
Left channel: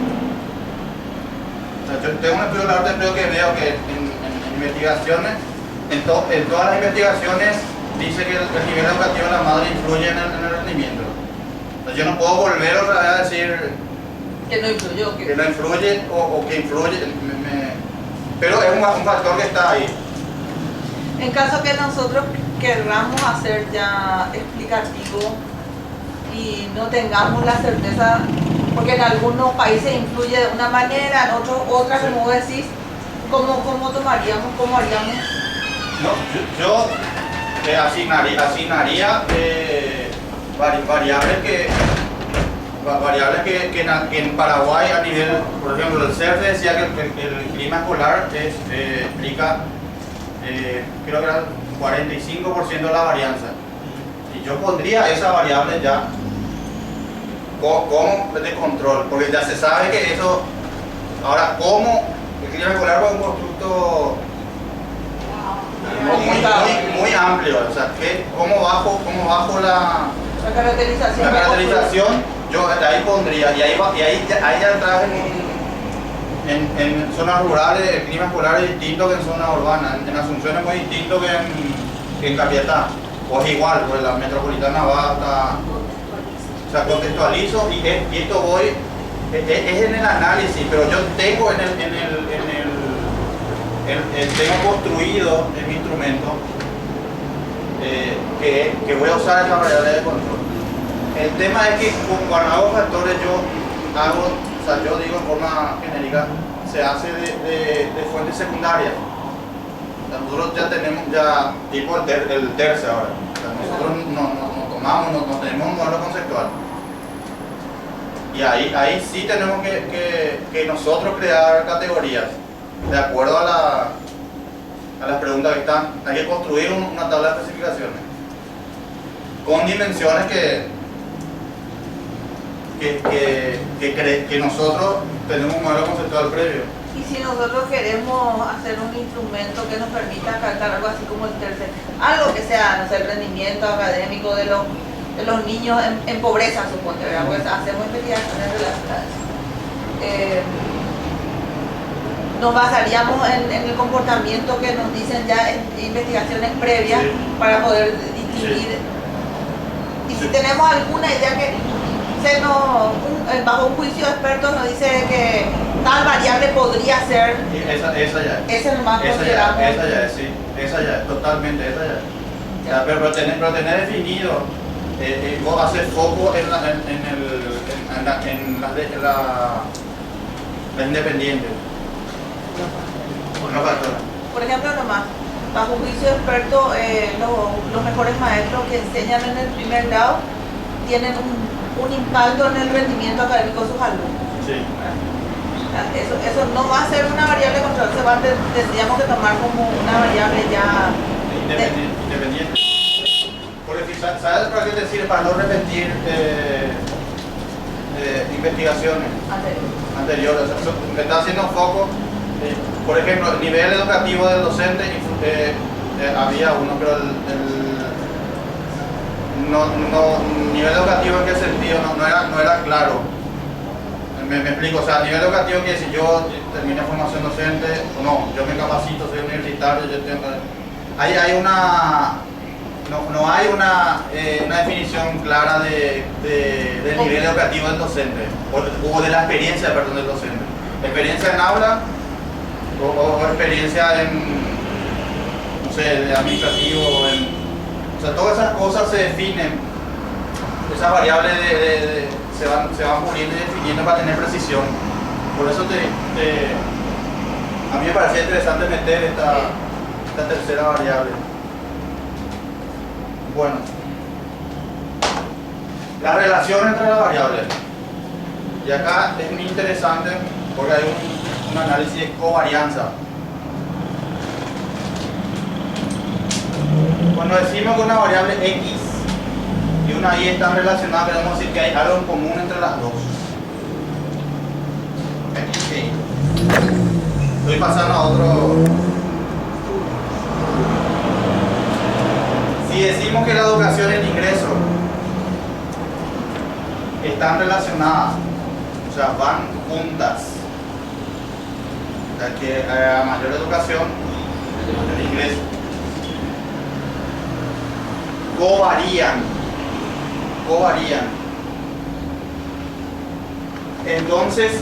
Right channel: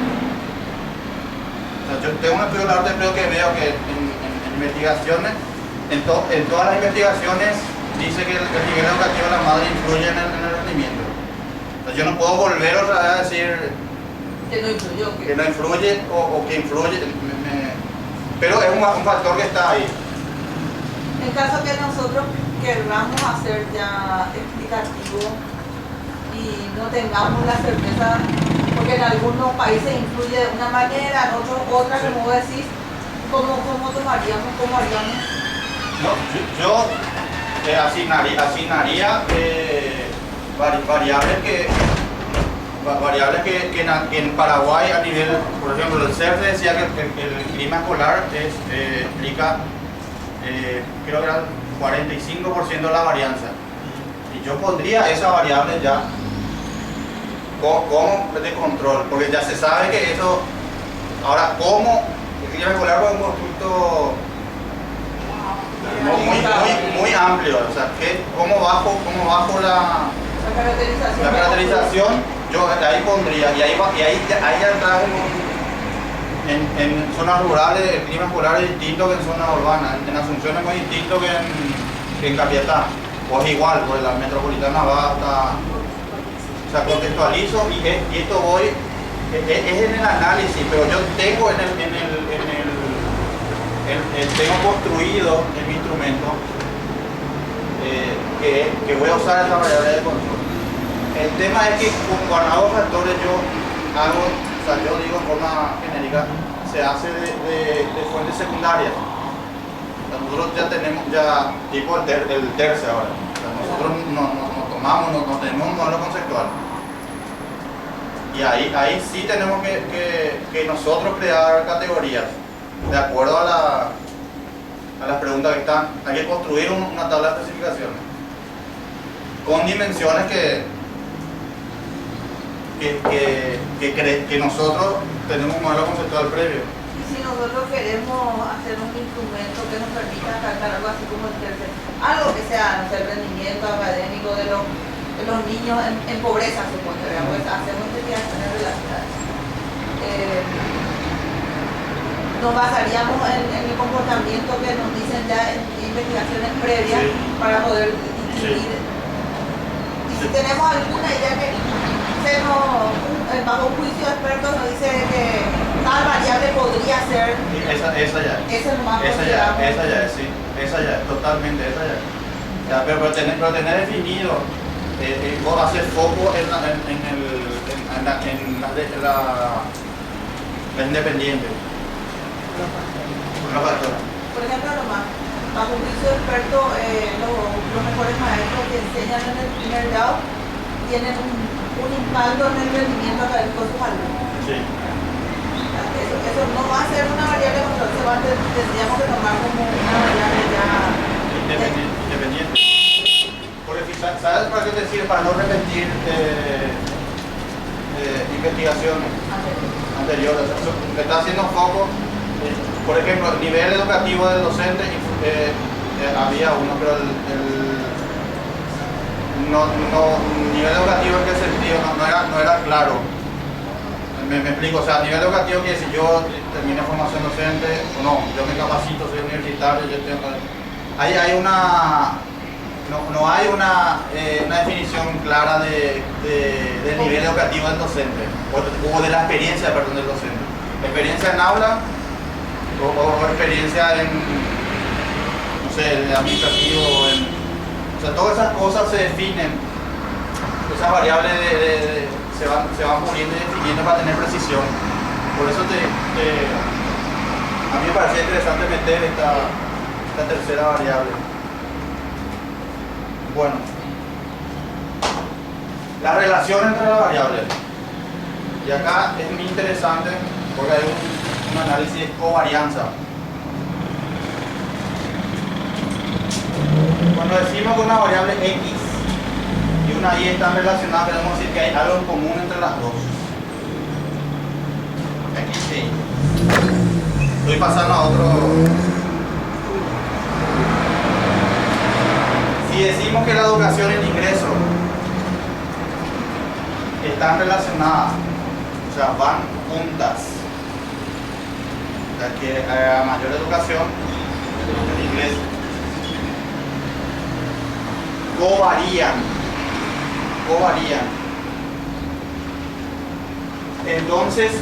O sea, yo tengo un estudio del arte previo que veo que en investigaciones, en todas las investigaciones dice que el nivel educativo de la madre influye en el rendimiento. O sea, yo no puedo volver otra vez a decir que no influyó. Que no influye o que influye, pero es un factor que está ahí. En caso que nosotros querramos hacer ya explicativo y no tengamos la certeza, porque en algunos países influye de una manera, en otros otra, Sí. como vos decís, ¿cómo tomaríamos? ¿Cómo haríamos? No, yo asignaría variables que en Paraguay a nivel, por ejemplo, el CERCE decía que el clima polar explica, creo que era 45% de la varianza. Y yo pondría esa variable ya como de control, porque ya se sabe que eso. Ahora, ¿cómo el clima polar es un constructo muy amplio? O sea, ¿cómo bajo la caracterización? Yo ahí pondría, y ahí ya entras en zonas rurales, el clima polar es distinto que en zonas urbanas. En Asunción es muy distinto que en Capiatá, o es igual, pues la metropolitana va hasta. O sea, contextualizo y esto voy, es en el análisis, pero yo tengo tengo construido en mi instrumento que voy a usar esa variable de control. El tema es que cuando hago factores yo digo en forma genérica, se hace de fuentes secundarias. O sea, nosotros ya tenemos tipo el terce ahora. O sea, nosotros no tenemos un modelo conceptual. Y ahí sí tenemos que nosotros crear categorías de acuerdo a a las preguntas que están. Hay que construir una tabla de especificaciones con dimensiones que nosotros tenemos un modelo conceptual previo. Y si nosotros queremos hacer un instrumento que nos permita calcular algo así como el tercer, algo que sea, no sé, el rendimiento académico de los niños en pobreza, supongo, pues hacemos investigaciones relacionadas. Nos basaríamos en el comportamiento que nos dicen ya en investigaciones previas, Sí. para poder distinguir. Y si tenemos alguna idea que bajo un juicio de expertos nos dice que tal variable podría ser, Y esa ya. ese es lo más Esa considerable. ya es, sí. Esa ya es, totalmente, esa ya. Ya, pero tener definido, vos haces foco en la independiente. Con los factores. Por ejemplo, nomás, bajo un juicio de expertos, los mejores maestros que enseñan en el primer grado tienen un impacto en el rendimiento académico de sus alumnos. Sí. Eso no va a ser una variable control, tendríamos que tomar como una variable ya Independiente. Porque ¿sabes para qué te sirve? Para no repetir investigaciones anteriores. O sea, me está haciendo foco. Por ejemplo, el nivel educativo del docente, había uno, pero nivel educativo en qué sentido no era claro. Me explico, o sea, nivel educativo que si yo terminé formación docente, o no, yo me capacito, soy universitario, yo tengo. No hay una definición clara del nivel educativo del docente, o de la experiencia, perdón, del docente. Experiencia en aula, o experiencia en, no sé, administrativo, o sea, todas esas cosas se definen, esas variables se van puliendo y definiendo para tener precisión. Por eso a mí me parecía interesante meter esta tercera variable. Bueno, la relación entre las variables. Y acá es muy interesante porque hay un análisis de covarianza. Cuando decimos que una variable X y una Y están relacionadas, queremos decir que hay algo en común entre las dos. X e Y. Estoy pasando a otro. Si decimos que la educación y el ingreso están relacionadas, o sea, van juntas, o sea, que a mayor educación, el ingreso, covarían. Entonces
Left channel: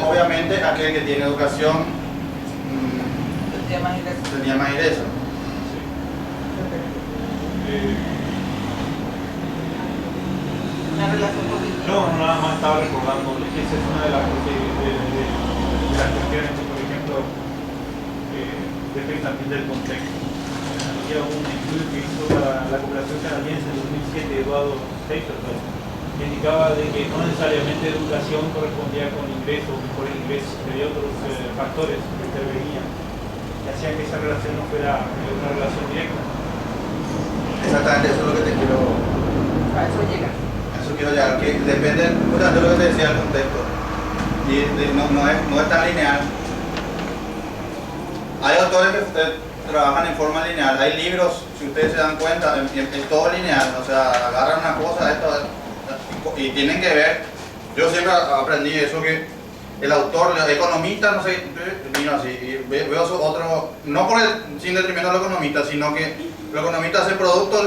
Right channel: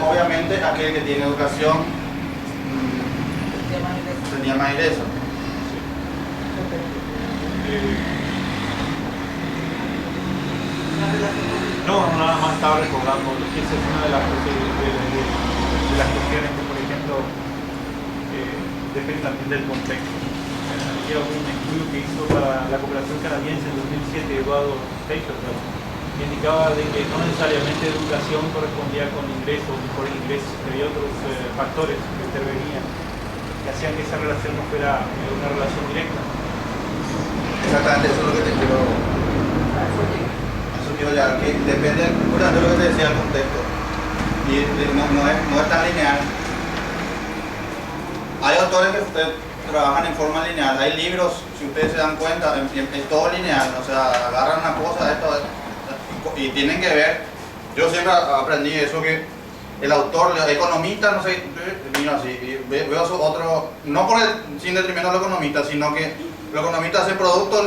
obviamente aquel que tiene educación tenía más ingreso. No, nada más estaba recordando que esa es una de las cuestiones que, por ejemplo, depende también del contexto. Había un estudio que hizo la cooperación canadiense en 2007, Eduardo Stapleton, que indicaba de que no necesariamente educación correspondía con ingresos, por ingresos, pero había otros factores que intervenían, que hacían que esa relación no fuera una relación directa. Exactamente, eso es lo que te quiero. Eso quiero llegar, que depende de lo que te decía el contexto. Y no es tan lineal. Hay autores que trabajan en forma lineal. Hay libros, si ustedes se dan cuenta, es todo lineal. O sea, agarran una cosa, y tienen que ver. Yo siempre aprendí eso, que el autor, el economista, no sé, mira así, y veo otro, no sin detrimento de los economistas, sino que los economistas hacen producto,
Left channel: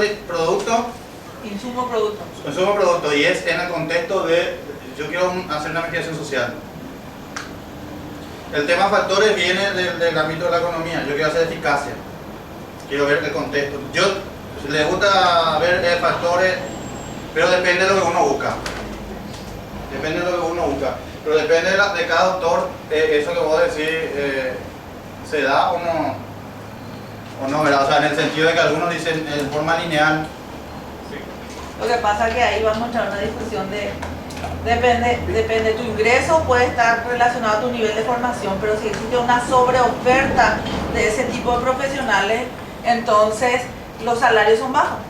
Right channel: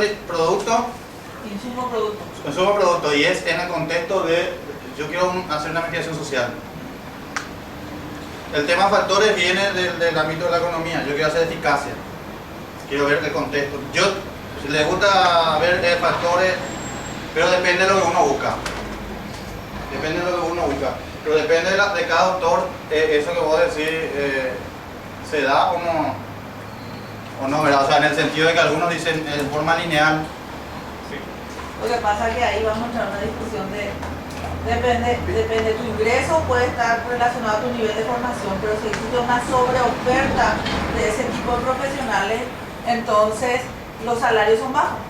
Insumo producto. y es en el contexto de, yo quiero hacer una investigación social. El tema factores viene del ámbito de la economía. Yo quiero hacer eficacia, quiero ver el contexto. Si les gusta ver factores, pero depende de lo que uno busca. Pero depende de cada autor, eso que vos decís, se da o no, ¿verdad? O sea, en el sentido de que algunos dicen en forma lineal. Lo que pasa es que ahí vamos a entrar en una discusión de Depende de tu ingreso, puede estar relacionado a tu nivel de formación, pero si existe una sobreoferta de ese tipo de profesionales, entonces los salarios son bajos.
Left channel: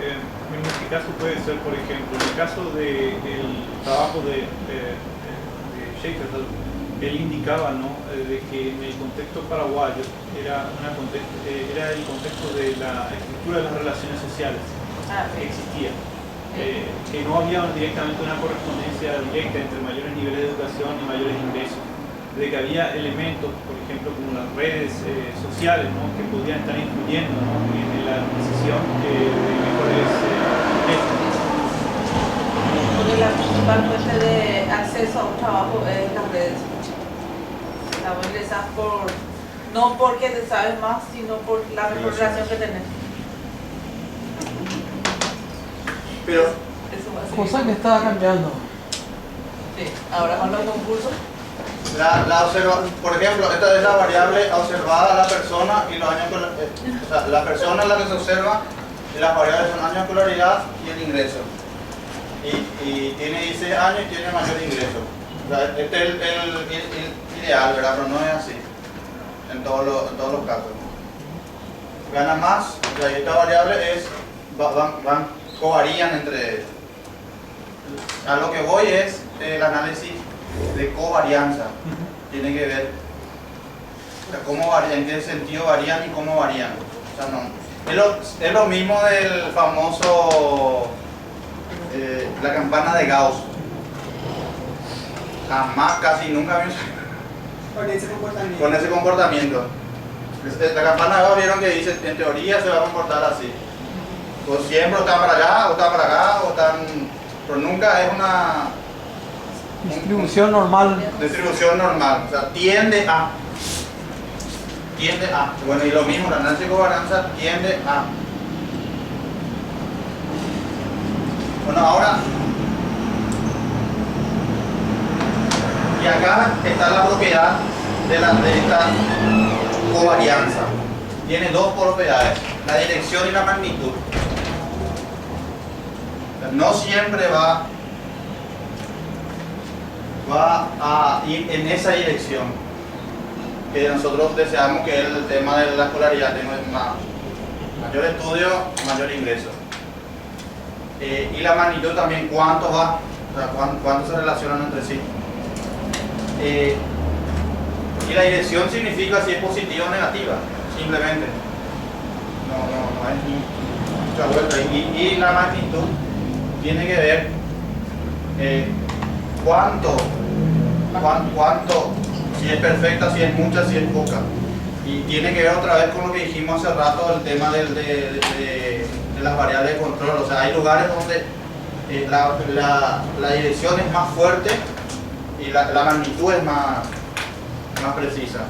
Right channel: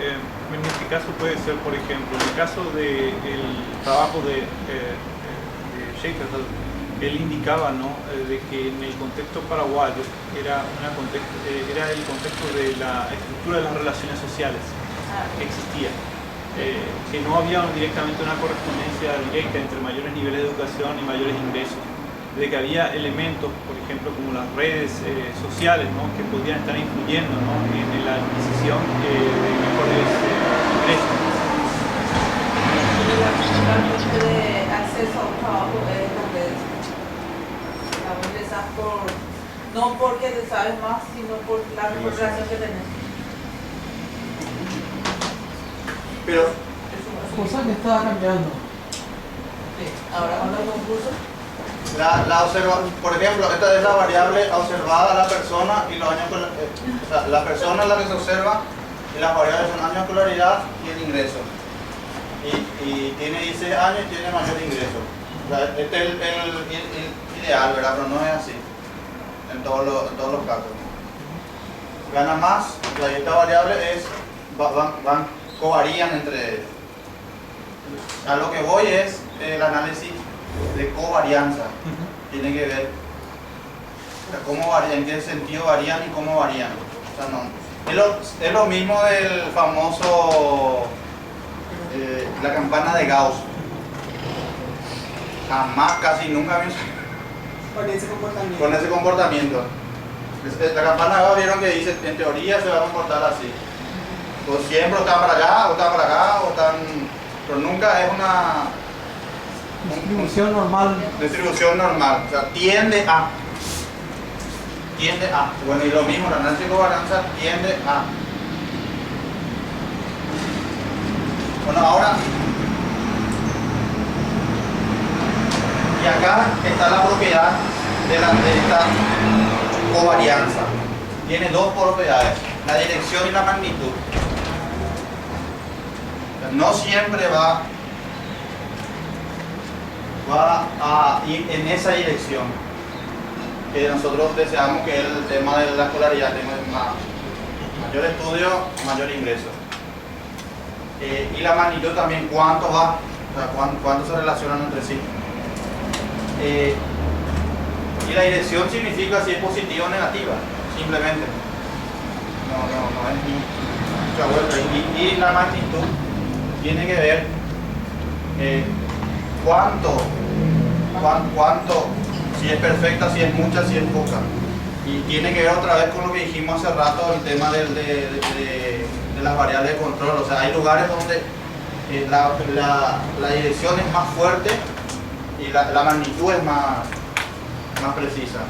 En este caso puede ser, por ejemplo, en el caso del trabajo de Schaefer, él indicaba, ¿no?, de que en el contexto paraguayo era el contexto de la estructura de las relaciones sociales que existía. Que no había directamente una correspondencia directa entre mayores niveles de educación y mayores ingresos, de que había elementos, por ejemplo, como las redes sociales, ¿no?, que podían estar influyendo, ¿no?, en la adquisición de mejores ingresos. La principal fuente de acceso a un trabajo es las redes. La ingresas no porque te sabes más, sino por la mejor relación que tenés. Pero Cosa que estaba cambiando. Sí, ahora con los concursos. por ejemplo, esta es la variable observada a la persona y los años o sea, la persona es la que se observa y las variables son años de escolaridad y el ingreso. Y tiene 16 años y tiene mayor ingreso. O sea, este es el ideal, ¿verdad? Pero no es así en todos los casos. Gana más, y esta variable covarían entre ellos. A lo que voy es el análisis de covarianza. Tiene que ver, o sea, cómo varían, en qué sentido varían y cómo varían. O sea, no, es lo mismo del famoso la campana de Gauss. Jamás, casi nunca vi Con ese comportamiento. con ese comportamiento. La campana de Gauss vieron que dice, en teoría se va a comportar así. Pues siempre están para allá, o están para acá, o están... Pero nunca es una Distribución normal. distribución normal. O sea, tiende a. Bueno, y lo mismo, la análisis de covarianza tiende a. Bueno, ahora... Y acá está la propiedad de esta covarianza. Tiene dos propiedades, la dirección y la magnitud. No siempre va a ir en esa dirección que nosotros deseamos, que es el tema de la escolaridad. Tengo mayor estudio, mayor ingreso. Y la magnitud también, cuánto va, o sea, cuánto se relacionan entre sí. Y la dirección significa si es positiva o negativa, simplemente. No es mucha vuelta. Y la magnitud tiene que ver cuánto, si es perfecta, si es mucha, si es poca. Y tiene que ver otra vez con lo que dijimos hace rato, el tema de las variables de control. O sea, hay lugares donde la dirección es más fuerte y la magnitud es más precisa.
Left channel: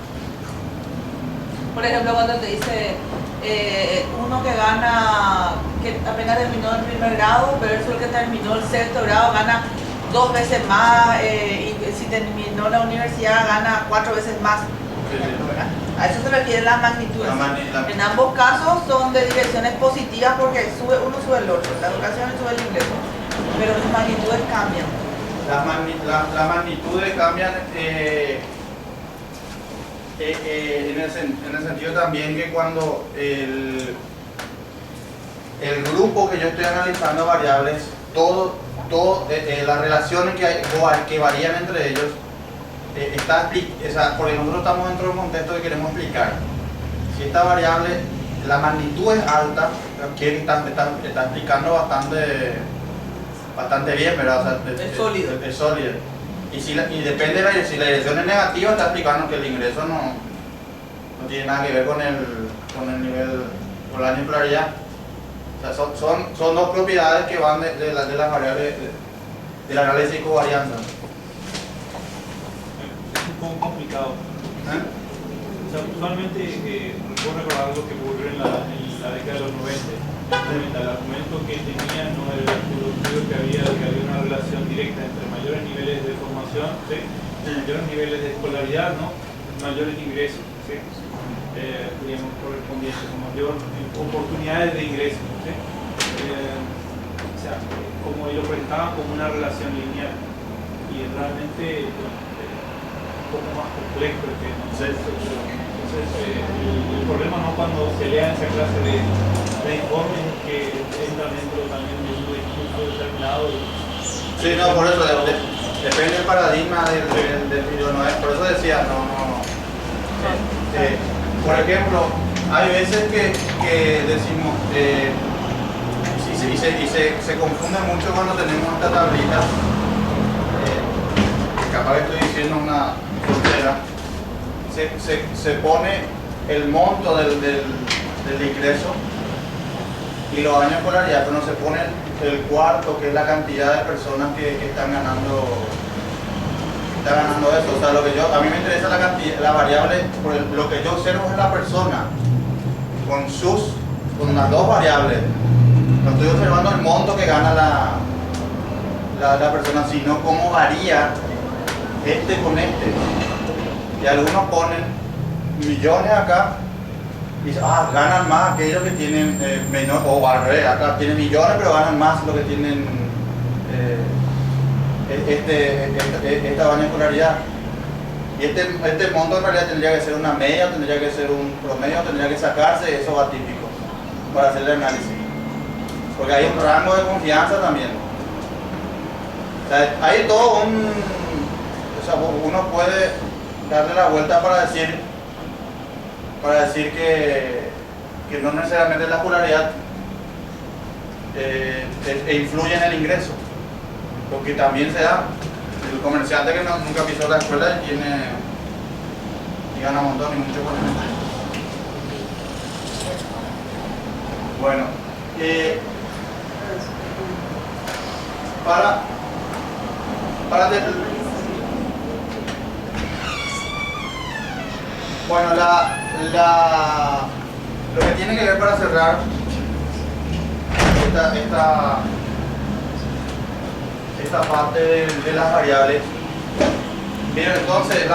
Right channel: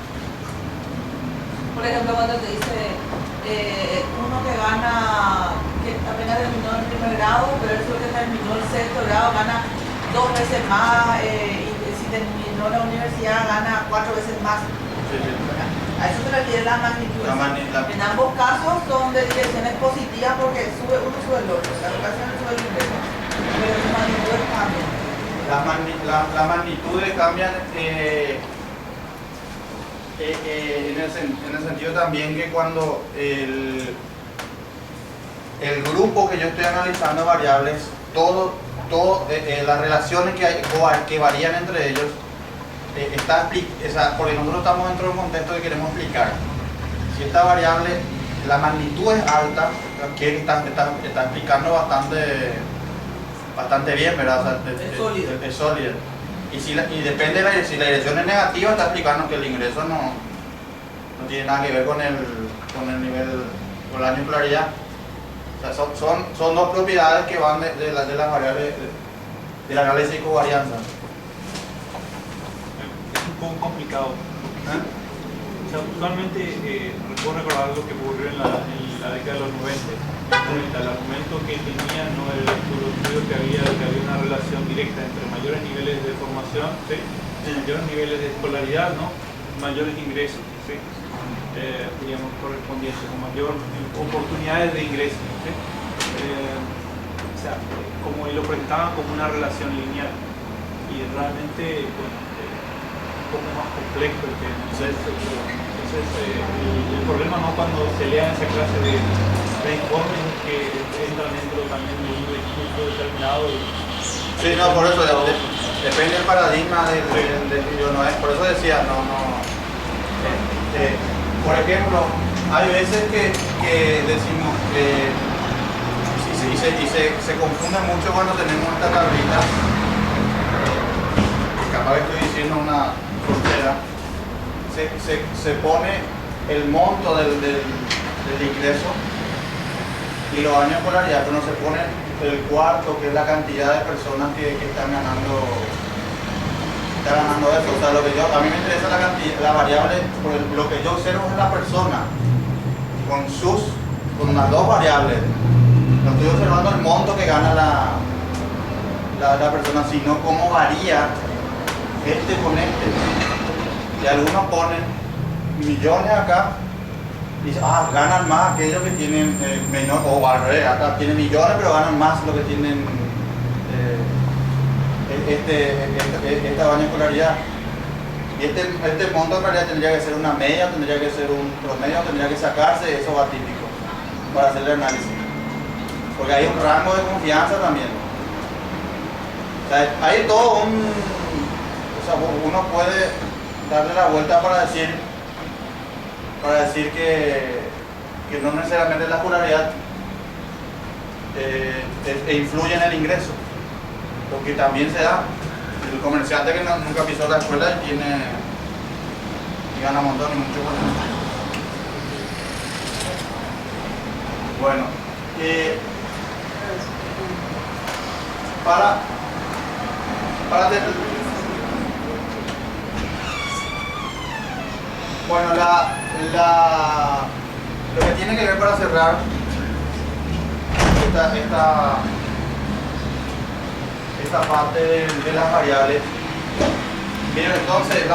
Por ejemplo, cuando te dice uno que gana, que apenas terminó el primer grado, pero el que terminó el sexto grado gana 2 veces más, y si terminó la universidad gana 4 veces más. Sí. A eso se refiere las magnitudes. En ambos casos son de direcciones positivas porque uno sube el otro, la educación sube el ingreso, pero sus magnitudes cambian. Las magnitudes cambian en el sentido también que cuando el grupo que yo estoy analizando variables, las relaciones que varían entre ellos, porque nosotros estamos dentro de un contexto que queremos explicar. Si esta variable, la magnitud es alta, que está explicando bastante bien, ¿verdad? O sea, es sólida. Y depende si la dirección es negativa, está explicando que el ingreso no tiene nada que ver con el nivel, con la escolaridad. O sea, son dos propiedades que van de las variables del análisis de covarianza. Es un poco complicado. O sea, usualmente recuerdo recordar algo que ocurrió en la década de los 90. El argumento que tenía no era el estudio que había una relación directa entre mayores niveles de formación, ¿sí?, mayores niveles de escolaridad, ¿no?, mayores ingresos, ¿sí?, digamos, correspondientes, con mayor oportunidades de ingresos, ¿sí? O sea, como él lo presentaba como una relación lineal. y realmente bueno, un poco más complejo que no sé. Entonces el problema no cuando se lean esa clase de informes es que entran dentro también de un equipo determinado. Sí, no, por eso depende del paradigma del video, no es, por eso decía, por ejemplo, hay veces que decimos, y se confunde mucho cuando tenemos esta tablita, capaz que estoy diciendo una frontera, se pone el monto del ingreso y los años de escolaridad, pero no se pone el cuarto, que es la cantidad de personas que están ganando eso. O sea, a mí me interesa la cantidad, la variable, lo que yo observo es la persona con las dos variables. No estoy observando el monto que gana la persona, sino cómo varía este con este. Y algunos ponen millones acá y dicen, ganan más aquellos que tienen menor, o al revés, acá tienen millones pero ganan más lo que tienen esta baña de escolaridad. Y este monto en realidad tendría que ser una media, tendría que ser un promedio, tendría que sacarse esos atípicos para hacer el análisis. Porque hay un rango de confianza también. O sea, hay todo uno puede darle la vuelta para decir que no necesariamente la escolaridad influye en el ingreso, porque también se da el comerciante que nunca pisó la escuela y gana un montón y mucho dinero. Bueno, bueno, lo que tiene que ver para cerrar esta parte de las variables. Bien, entonces,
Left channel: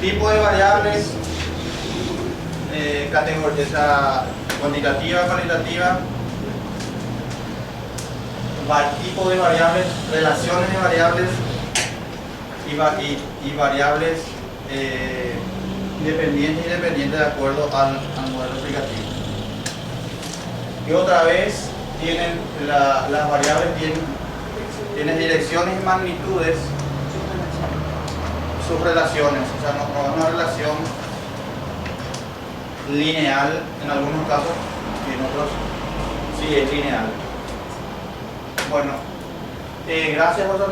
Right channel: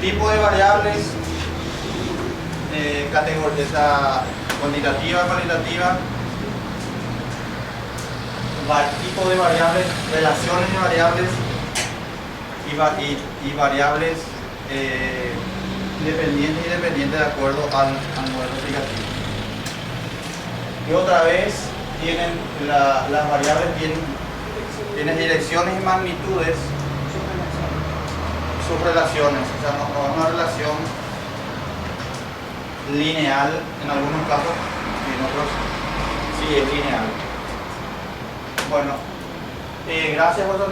tipo de variables, categoría cuantitativa, cualitativa, tipo de variables, relaciones de variables y variables independientes y dependientes de acuerdo al modelo explicativo. Y otra vez las variables tienen direcciones y magnitudes, subrelaciones, o sea, no es una relación lineal en algunos casos y en otros sí es lineal. Bueno, gracias por por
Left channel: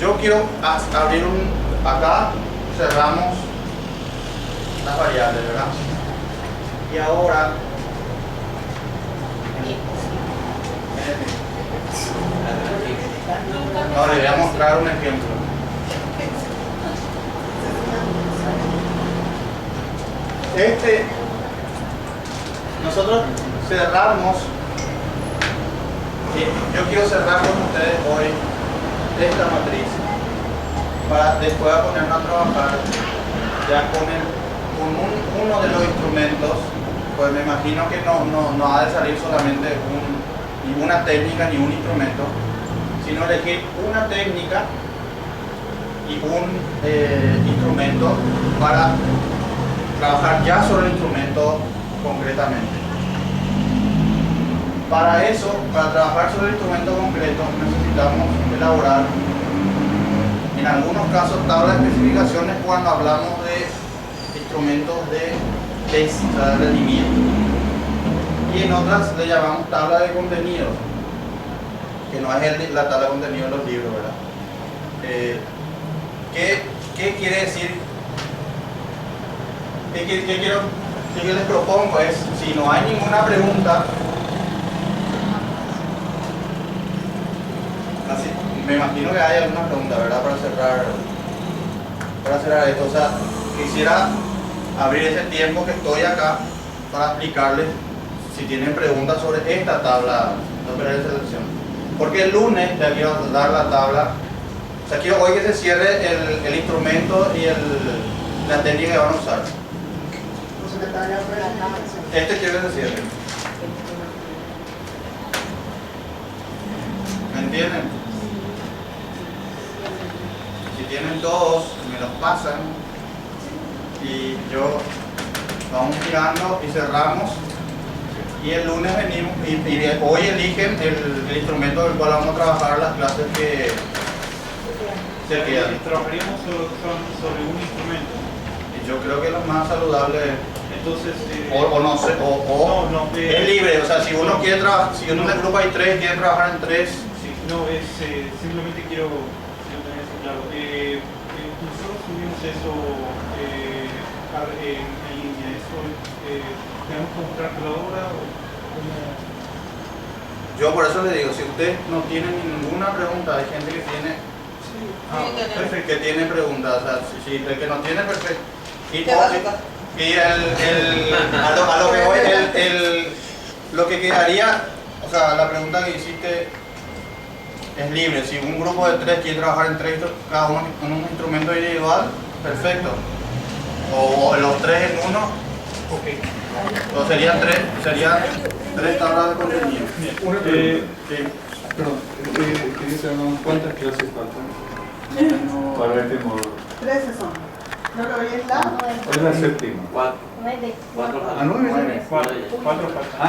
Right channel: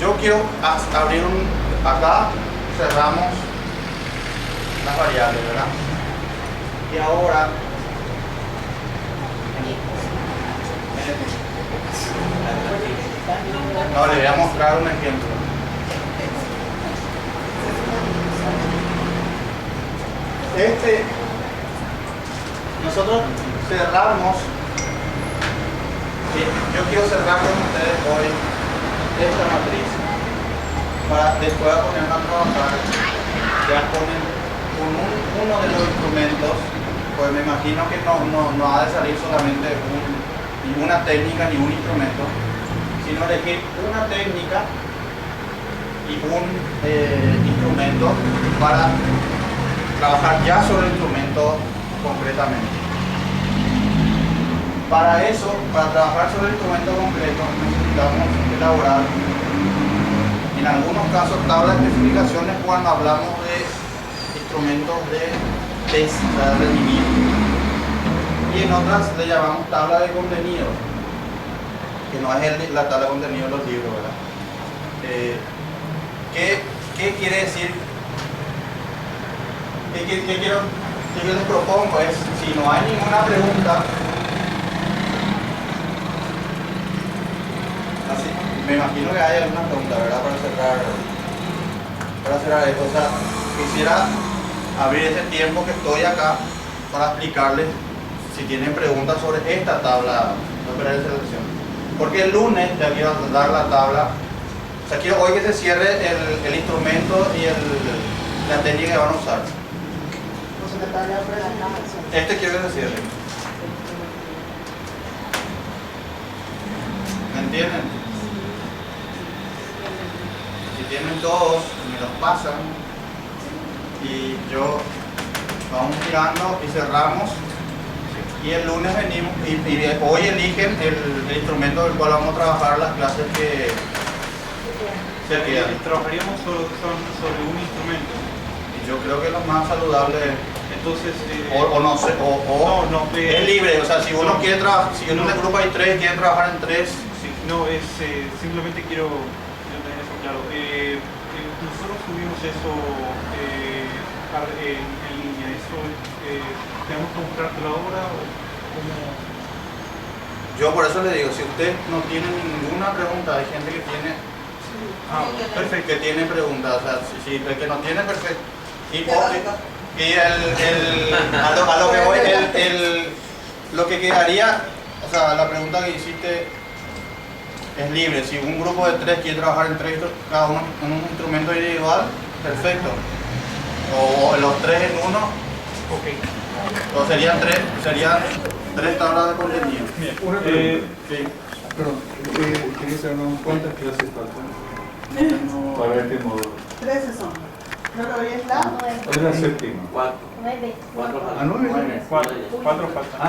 yo quiero abrir acá cerramos las variables, ¿verdad? Y ahora no, le voy a mostrar un ejemplo. Nosotros cerramos, yo quiero cerrar con ustedes hoy esta matriz para después ponernos a trabajar ya con uno de los instrumentos, pues me imagino que no ha de salir solamente ninguna técnica ni un instrumento, sino elegir una técnica y un instrumento para trabajar ya sobre el instrumento concretamente. Para eso, para trabajar sobre el instrumento concreto, necesitamos elaborar, en algunos casos, tablas de especificaciones cuando hablamos de instrumentos de test, o sea, de rendimiento. Y en otras le llamamos tabla de contenido, que no es la tabla de contenido de los libros, ¿verdad? ¿Qué quiere decir? ¿Qué les propongo? Es, si no hay ninguna pregunta, así, me imagino que hay alguna pregunta, ¿verdad? Para cerrar esto. O sea, quisiera abrir ese tiempo que estoy acá para explicarles si tienen preguntas sobre esta tabla de selección. Porque el lunes ya quiero dar la tabla. O sea, quiero hoy que se cierre el instrumento y la técnica que van a usar. Este quiero que se cierre. ¿Me entienden? Si tienen todos, me los pasan y yo vamos mirando y cerramos. Y el lunes venimos y hoy eligen el instrumento del cual vamos a trabajar las clases que se quedan. Trabajaríamos sobre un instrumento. Y yo creo que lo más saludable, Entonces, o no sé, es libre, o sea, si uno quiere trabajar, si en un grupo hay tres, quiere trabajar en tres. sí, no, es simplemente quiero tener eso claro. Nosotros subimos eso en línea. Eso tenemos que comprarte la obra o cómo. Yo por eso le digo, si usted no tiene ninguna pregunta, hay gente que tiene, Perfecto. que tiene preguntas, o sea, si el que no tiene, perfecto. Y ¿Qué básica? a lo que voy, lo que quedaría, o sea, la pregunta que hiciste es libre. Si un grupo de tres quiere trabajar en tres, cada uno en un instrumento individual, perfecto. O los tres en uno, Ok. o serían tres tablas de contenido. Una pregunta. Sí. Perdón, quería saber cuántas clases faltan para este módulo. 13 son. Creo que hoy es la... Hoy es la séptima. Cuatro. ¿A 9? Cuatro faltan.